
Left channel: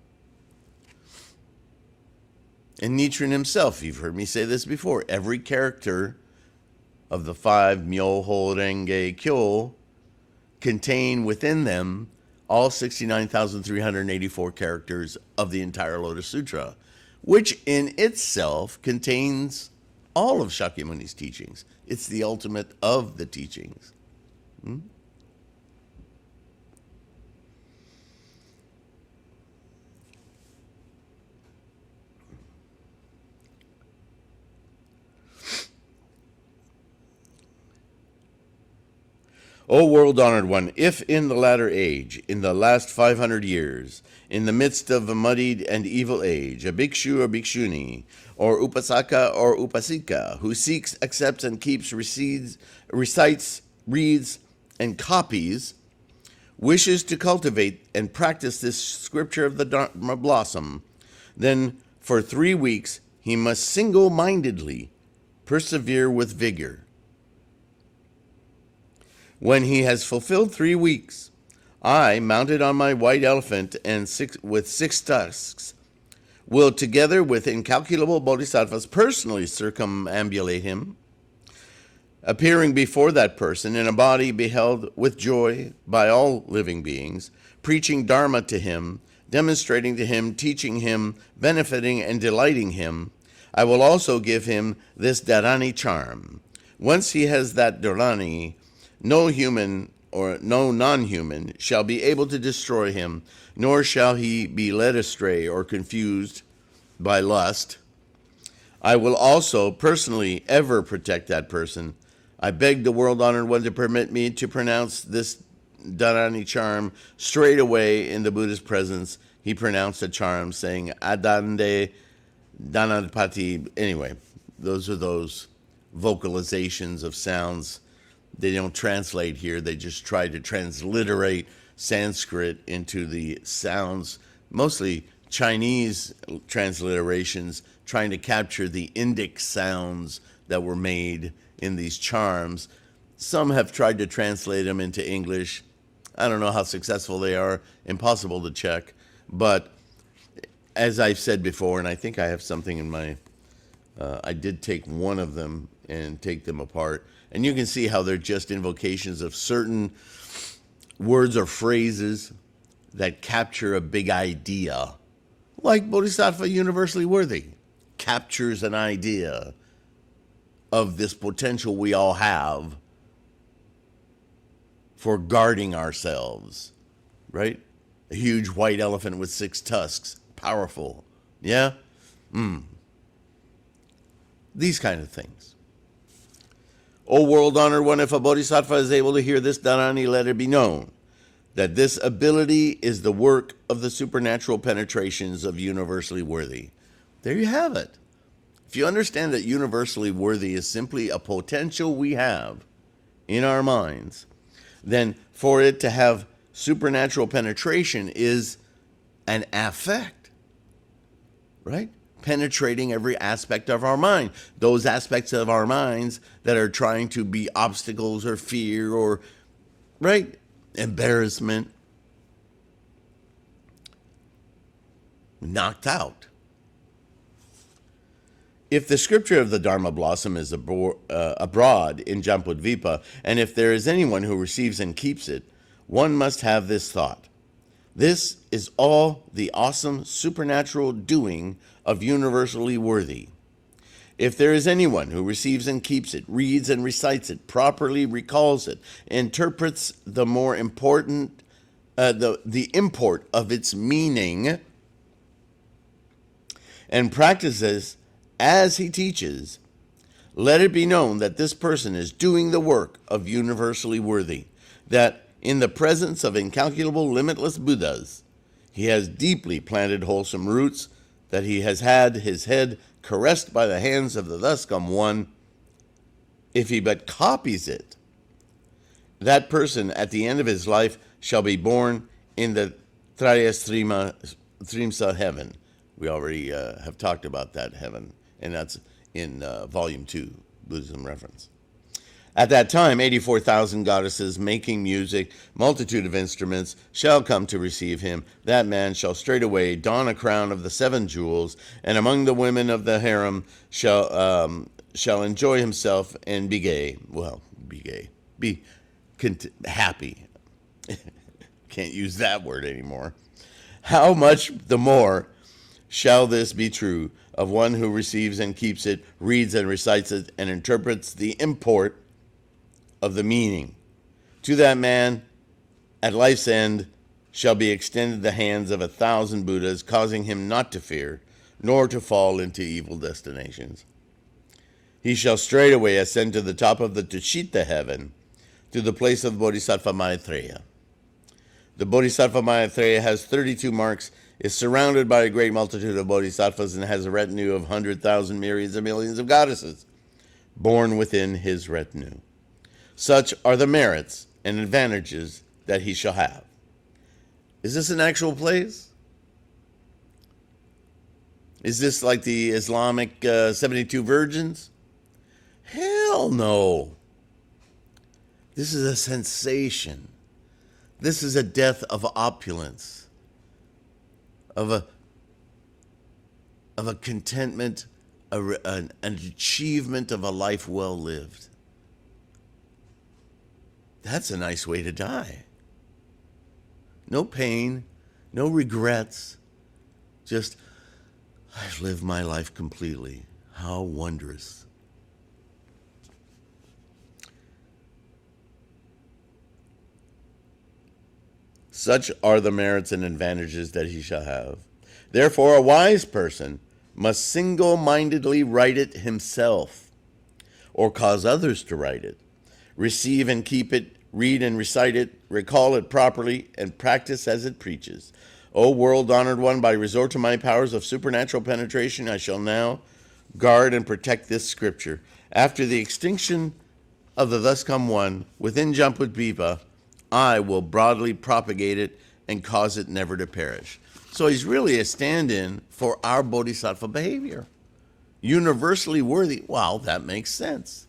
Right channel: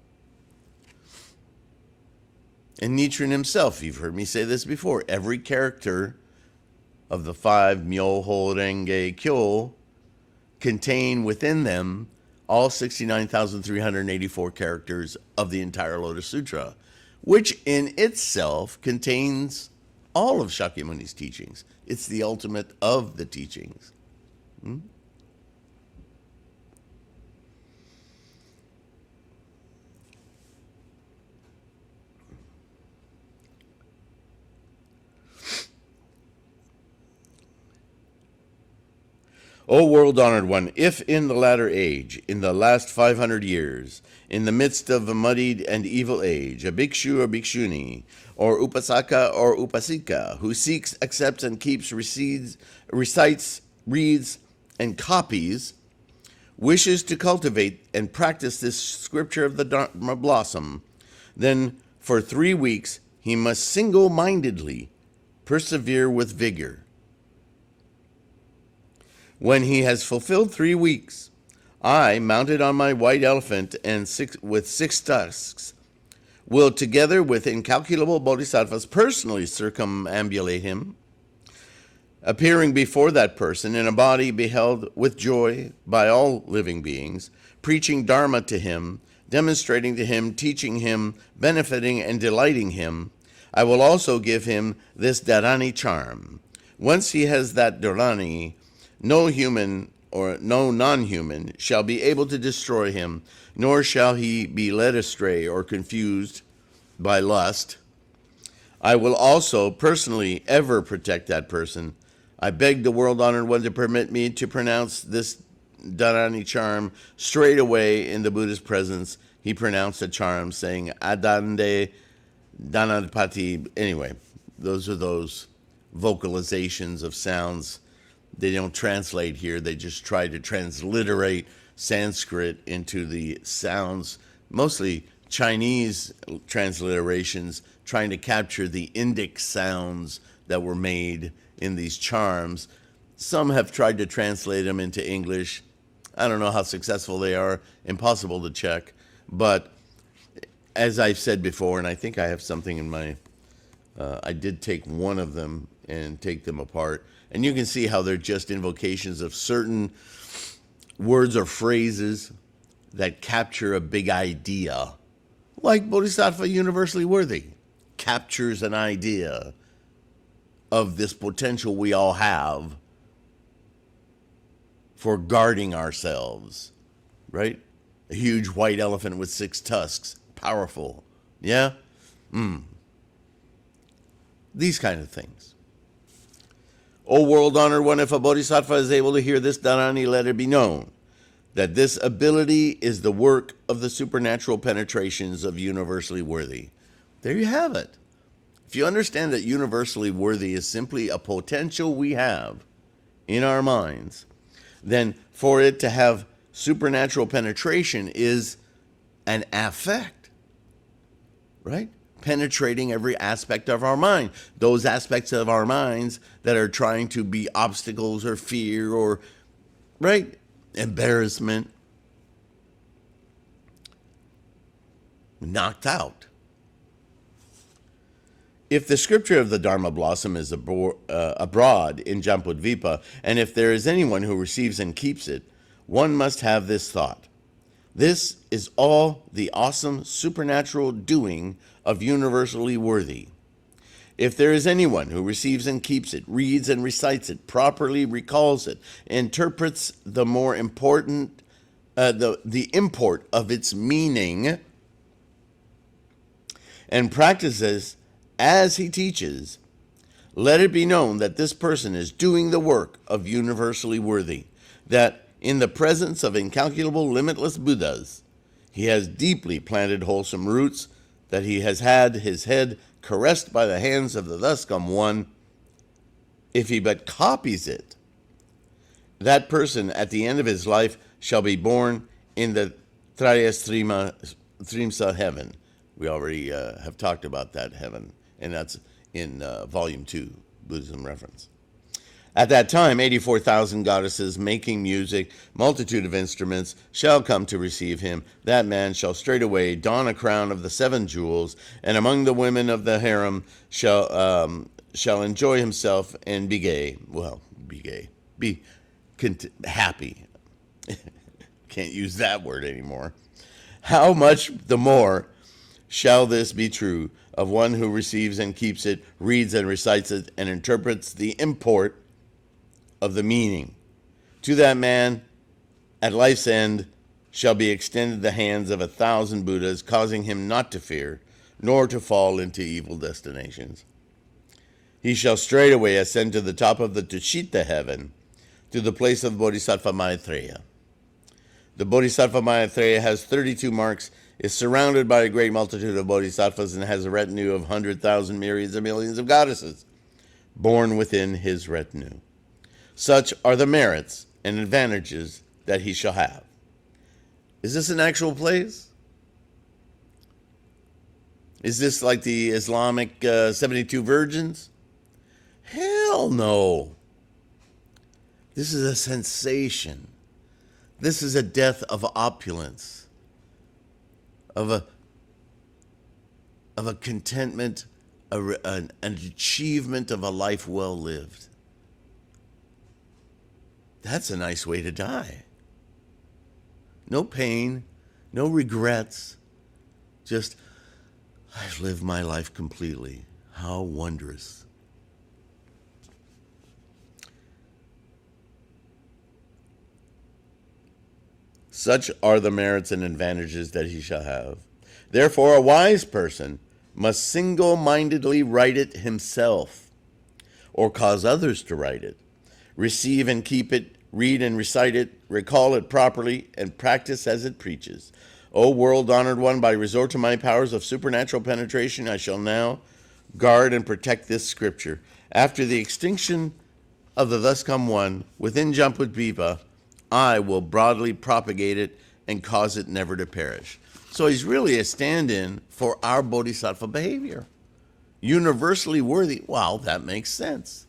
And Nichiren himself, you've heard me say this before, every character of the 5 Myoho Renge Kyo contain within them all 69,384 characters of the entire Lotus Sutra, which in itself contains all of Shakyamuni's teachings. It's the ultimate of the teachings. O world-honored one, if in the latter age, in the last 500 years, in the midst of a muddied and evil age, a bhikshu or bhikshuni, or upasaka or upasika, who seeks, accepts, and keeps, recites, reads, and copies, wishes to cultivate and practice this scripture of the Dharma blossom, then for 3 weeks he must single-mindedly persevere with vigor. When he has fulfilled 3 weeks, I, mounted on my white elephant and with 6 tusks, will together with incalculable bodhisattvas personally circumambulate him, appearing before that person in a body beheld with joy by all living beings, preaching Dharma to him, demonstrating to him, teaching him, benefiting and delighting him. I will also give him this Dharani charm. Once he has that Dharani, no human or no non-human shall be able to destroy him, nor shall he be led astray or confused by lust. I will also personally ever protect that person. I beg the world-honored one to permit me to pronounce this Dharani charm straight away in the Buddha's presence. He pronounced a charm saying Adande Dhanapati. Anyway, those are those vocalizations of sounds. They don't translate here. They just try to transliterate Sanskrit into the sounds, mostly Chinese transliterations, trying to capture the Indic sounds that were made in these charms. Some have tried to translate them into English. I don't know how successful they are. Impossible to check. But as I've said before, and I think I have something in my, I did take one of them and take them apart. And you can see how they're just invocations of certain words or phrases that capture a big idea. Like Bodhisattva Universally Worthy captures an idea of this potential we all have for guarding ourselves, right? A huge white elephant with 6 tusks. Powerful. Yeah? These kind of things. O world-honored one, if a bodhisattva is able to hear this Dharani, let it be known that this ability is the work of the supernatural penetrations of universally worthy. There you have it. If you understand that universally worthy is simply a potential we have in our minds, then for it to have supernatural penetration is an affect, right? Penetrating every aspect of our mind. Those aspects of our minds that are trying to be obstacles or fear or, right, embarrassment, knocked out. If the scripture of the Dharma blossom is abroad in Jambudvipa, and if there is anyone who receives and keeps it, one must have this thought. This is all the awesome supernatural doing of universally worthy. If there is anyone who receives and keeps it, reads and recites it, properly recalls it, interprets the more important, the import of its meaning, and practices as he teaches, let it be known that this person is doing the work of universally worthy, that in the presence of incalculable, limitless Buddhas. He has deeply planted wholesome roots that he has had his head caressed by the hands of the thus come one. If he but copies it, that person at the end of his life shall be born in the Trimsa heaven. We already have talked about that heaven, and that's in Volume 2, Buddhism Reference. At that time, 84,000 goddesses making music, multitude of instruments, shall come to receive him. That man shall straightway don a crown of the 7 jewels, and among the women of the harem shall enjoy himself and be gay. Well, be gay. Be happy. Can't use that word anymore. How much the more shall this be true of one who receives and keeps it, reads and recites it, and interprets the import of the meaning. To that man, at life's end, shall be extended the hands of 1,000 Buddhas, causing him not to fear, nor to fall into evil destinations. He shall straightway ascend to the top of the Tushita heaven, to the place of Bodhisattva Maitreya. The Bodhisattva Maitreya has 32 marks, is surrounded by a great multitude of bodhisattvas, and has a retinue of 100,000 myriads of millions of goddesses born within his retinue. Such are the merits and advantages that he shall have. Is this an actual place? Is this like the Islamic 72 virgins? Hell no. This is a sensation. This is a death of opulence, of a contentment, an achievement of a life well lived. That's a nice way to die. No pain, no regrets. Just, I've lived my life completely. How wondrous. Such are the merits and advantages that he shall have. Therefore, a wise person must single-mindedly write it himself, or cause others to write it, receive and keep it, read and recite it, recall it properly, and practice as it preaches. O world-honored one, by resort to my powers of supernatural penetration, I shall now guard and protect this scripture. After the extinction of the thus come one, within Jamputvipa, I will broadly propagate it and cause it never to perish. So he's really a stand-in for our bodhisattva behavior. Universally worthy. Wow, that makes sense.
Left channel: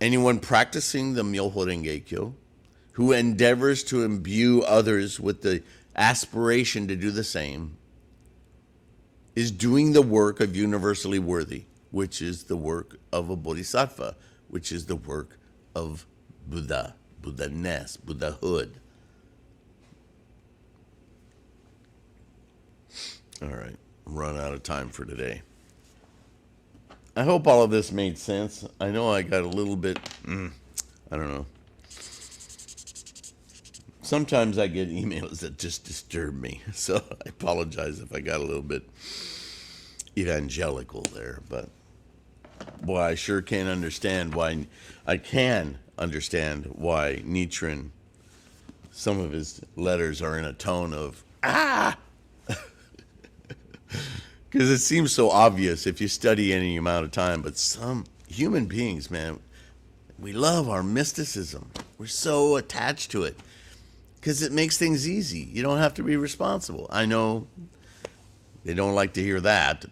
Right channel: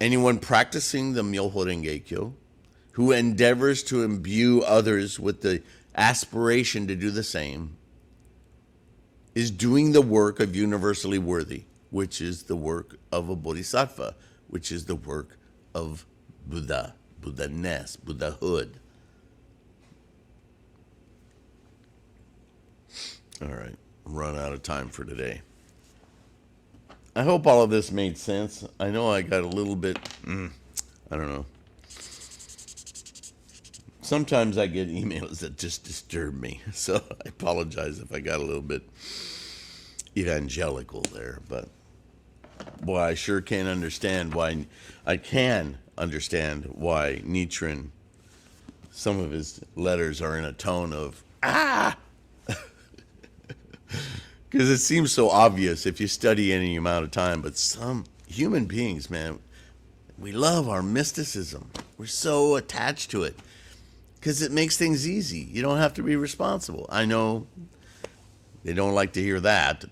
Anyone practicing the Myoho Renge-kyo, who endeavors to imbue others with the aspiration to do the same, is doing the work of universally worthy, which is the work of a bodhisattva, which is the work of Buddha, Buddha-ness, Buddhahood. All right, run out of time for today. I hope all of this made sense. I know I got a little bit, I don't know. Sometimes I get emails that just disturb me, so I apologize if I got a little bit evangelical there, but boy, I sure can't understand why, Nichiren, some of his letters are in a tone of, because it seems so obvious if you study any amount of time, but some human beings, man, we love our mysticism. We're so attached to it because it makes things easy. You don't have to be responsible. I know they don't like to hear that,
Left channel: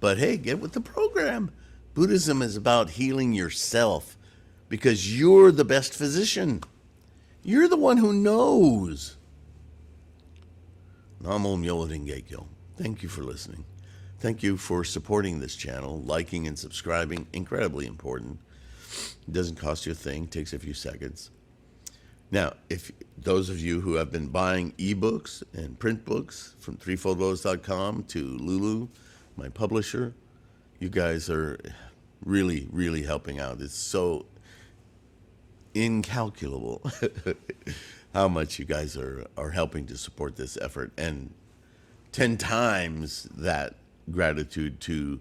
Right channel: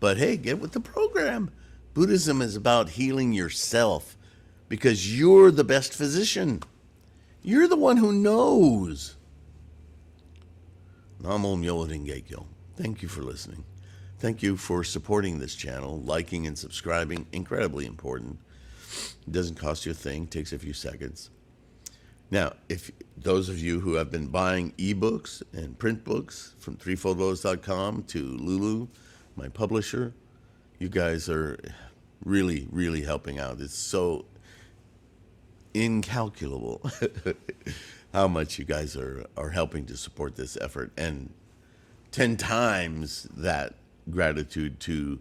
but hey, get with the program. Buddhism is about healing yourself because you're the best physician. You're the one who knows. Namo Myoho Renge-kyo. Thank you for listening. Thank you for supporting this channel, liking and subscribing. Incredibly important. It doesn't cost you a thing. Takes a few seconds. Now, if those of you who have been buying ebooks and print books from threefoldlotus.com to Lulu, my publisher, you guys are really, really helping out. It's so incalculable how much you guys are helping to support this effort, and 10 times that gratitude to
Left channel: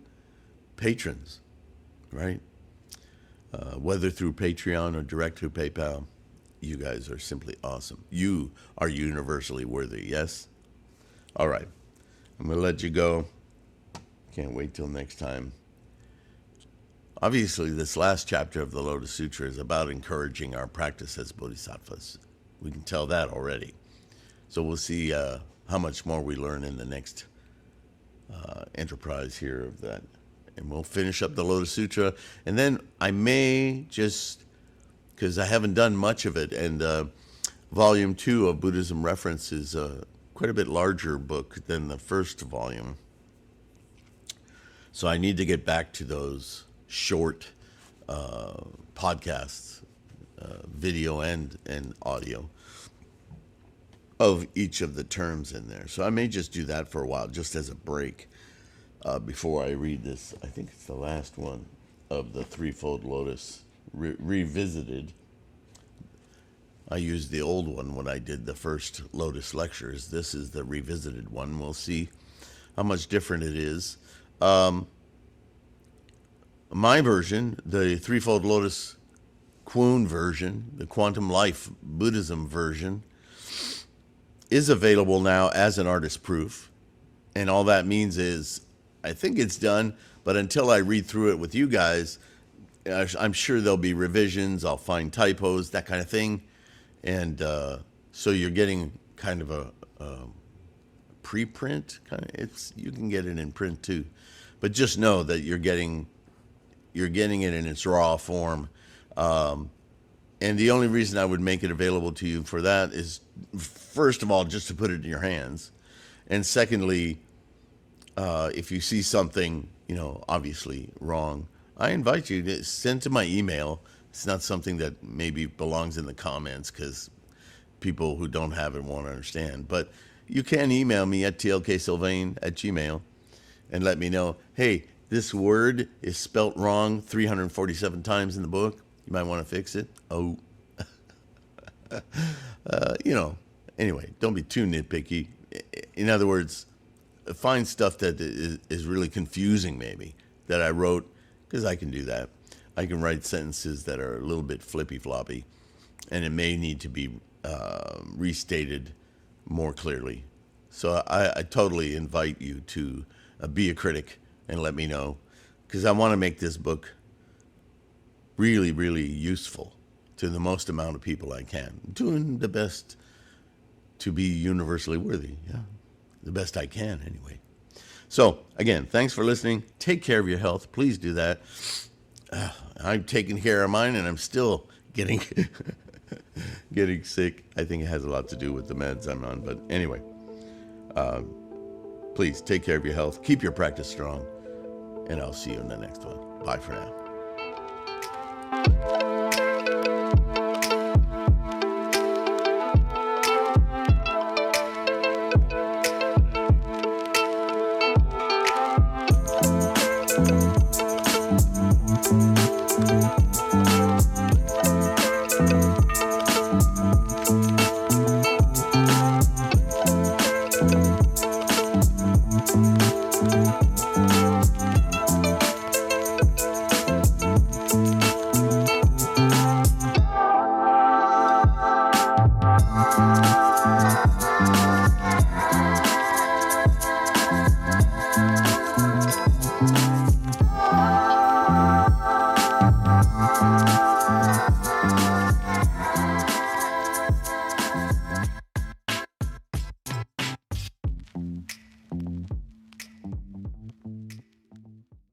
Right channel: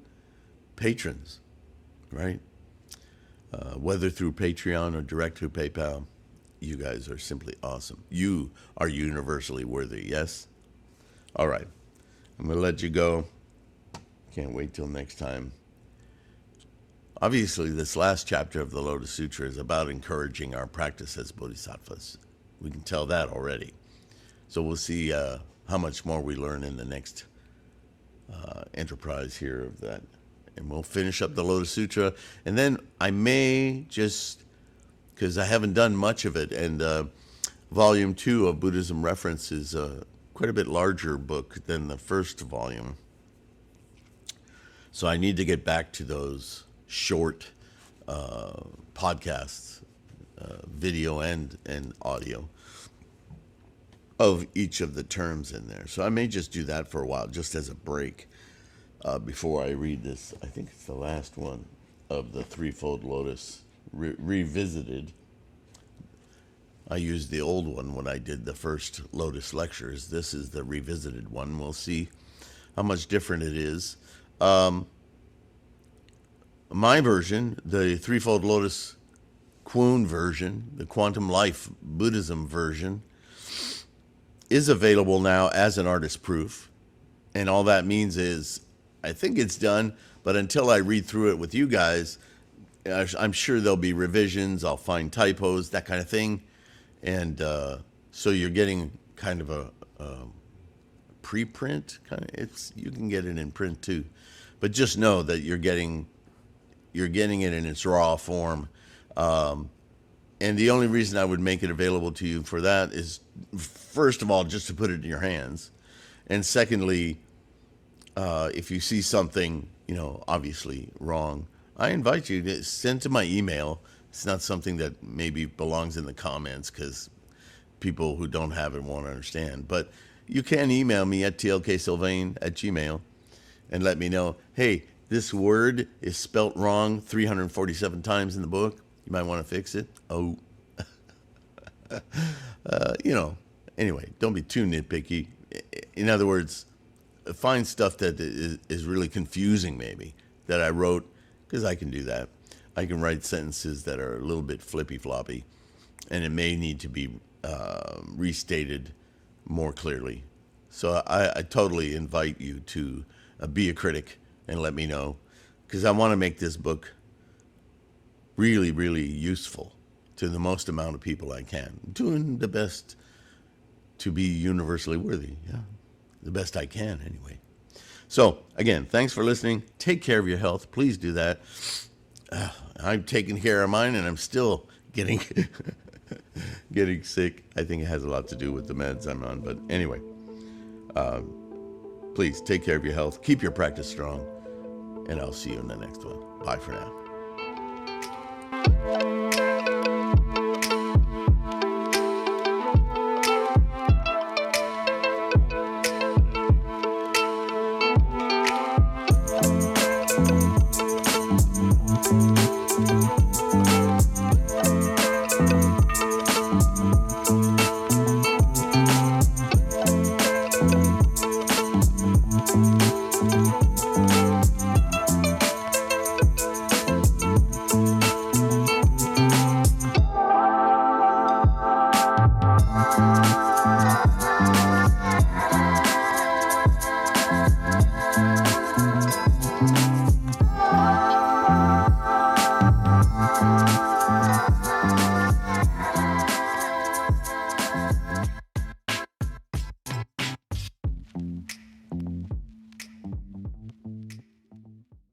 patrons, right? Whether through Patreon or direct through PayPal, you guys are simply awesome. You are universally worthy, yes? All right. I'm going to let you go. Can't wait till next time. Obviously, this last chapter of the Lotus Sutra is about encouraging our practice as bodhisattvas. We can tell that already. So we'll see how much more we learn in the next enterprise here of that. And we'll finish up the Lotus Sutra. And then I may just, because I haven't done much of it, and Volume 2 of Buddhism Reference is quite a bit larger book than the first volume. So I need to get back to those short podcasts, video and audio, of each of the terms in there. So I may just do that for a while, just as a break, before I read this. I think it's the last one of the Threefold Lotus Revisited. I used the old one when I did the first Lotus lectures. This is the revisited one. We'll see how much different it is. My version, the Threefold Lotus Kuan version, the Quantum Life Buddhism version, is available now as an artist proof. And all that means is, I think it's done, but until I read through it with you guys, I'm sure there'll be revisions, I'll find typos, that kind of thing. And so you're getting kind of a preprint, you can get it in print too. But just know that you're getting it in its raw form. And the only reason I would make it available to you for that is, first of all, just to put it in your hands. And secondly, if you see something, obviously wrong, I invite you to send to my email. It's not something that maybe belongs in the comments because people who don't have it won't understand. But you can email me at tlksylvain@gmail and let me know, hey, this word is spelt wrong 347 times in the book. You might want to fix it. Oh, anyway, don't be too nitpicky. In other words, find stuff that is really confusing maybe that I wrote, because I can do that. I can write sentences that are a little bit flippy-floppy, and it may need to be restated more clearly. So I totally invite you to be a critic and let me know, because I want to make this book really, really useful to the most amount of people I can. Doing the best to be universally worthy. Yeah, the best I can anyway. So again, thanks for listening. Take care of your health. Please do that. I'm taking care of mine, and I'm still getting sick. I think it has a lot to do with the meds I'm on. But anyway, please take care of your health. Keep your practice strong. And I'll see you in the next one. Bye for now.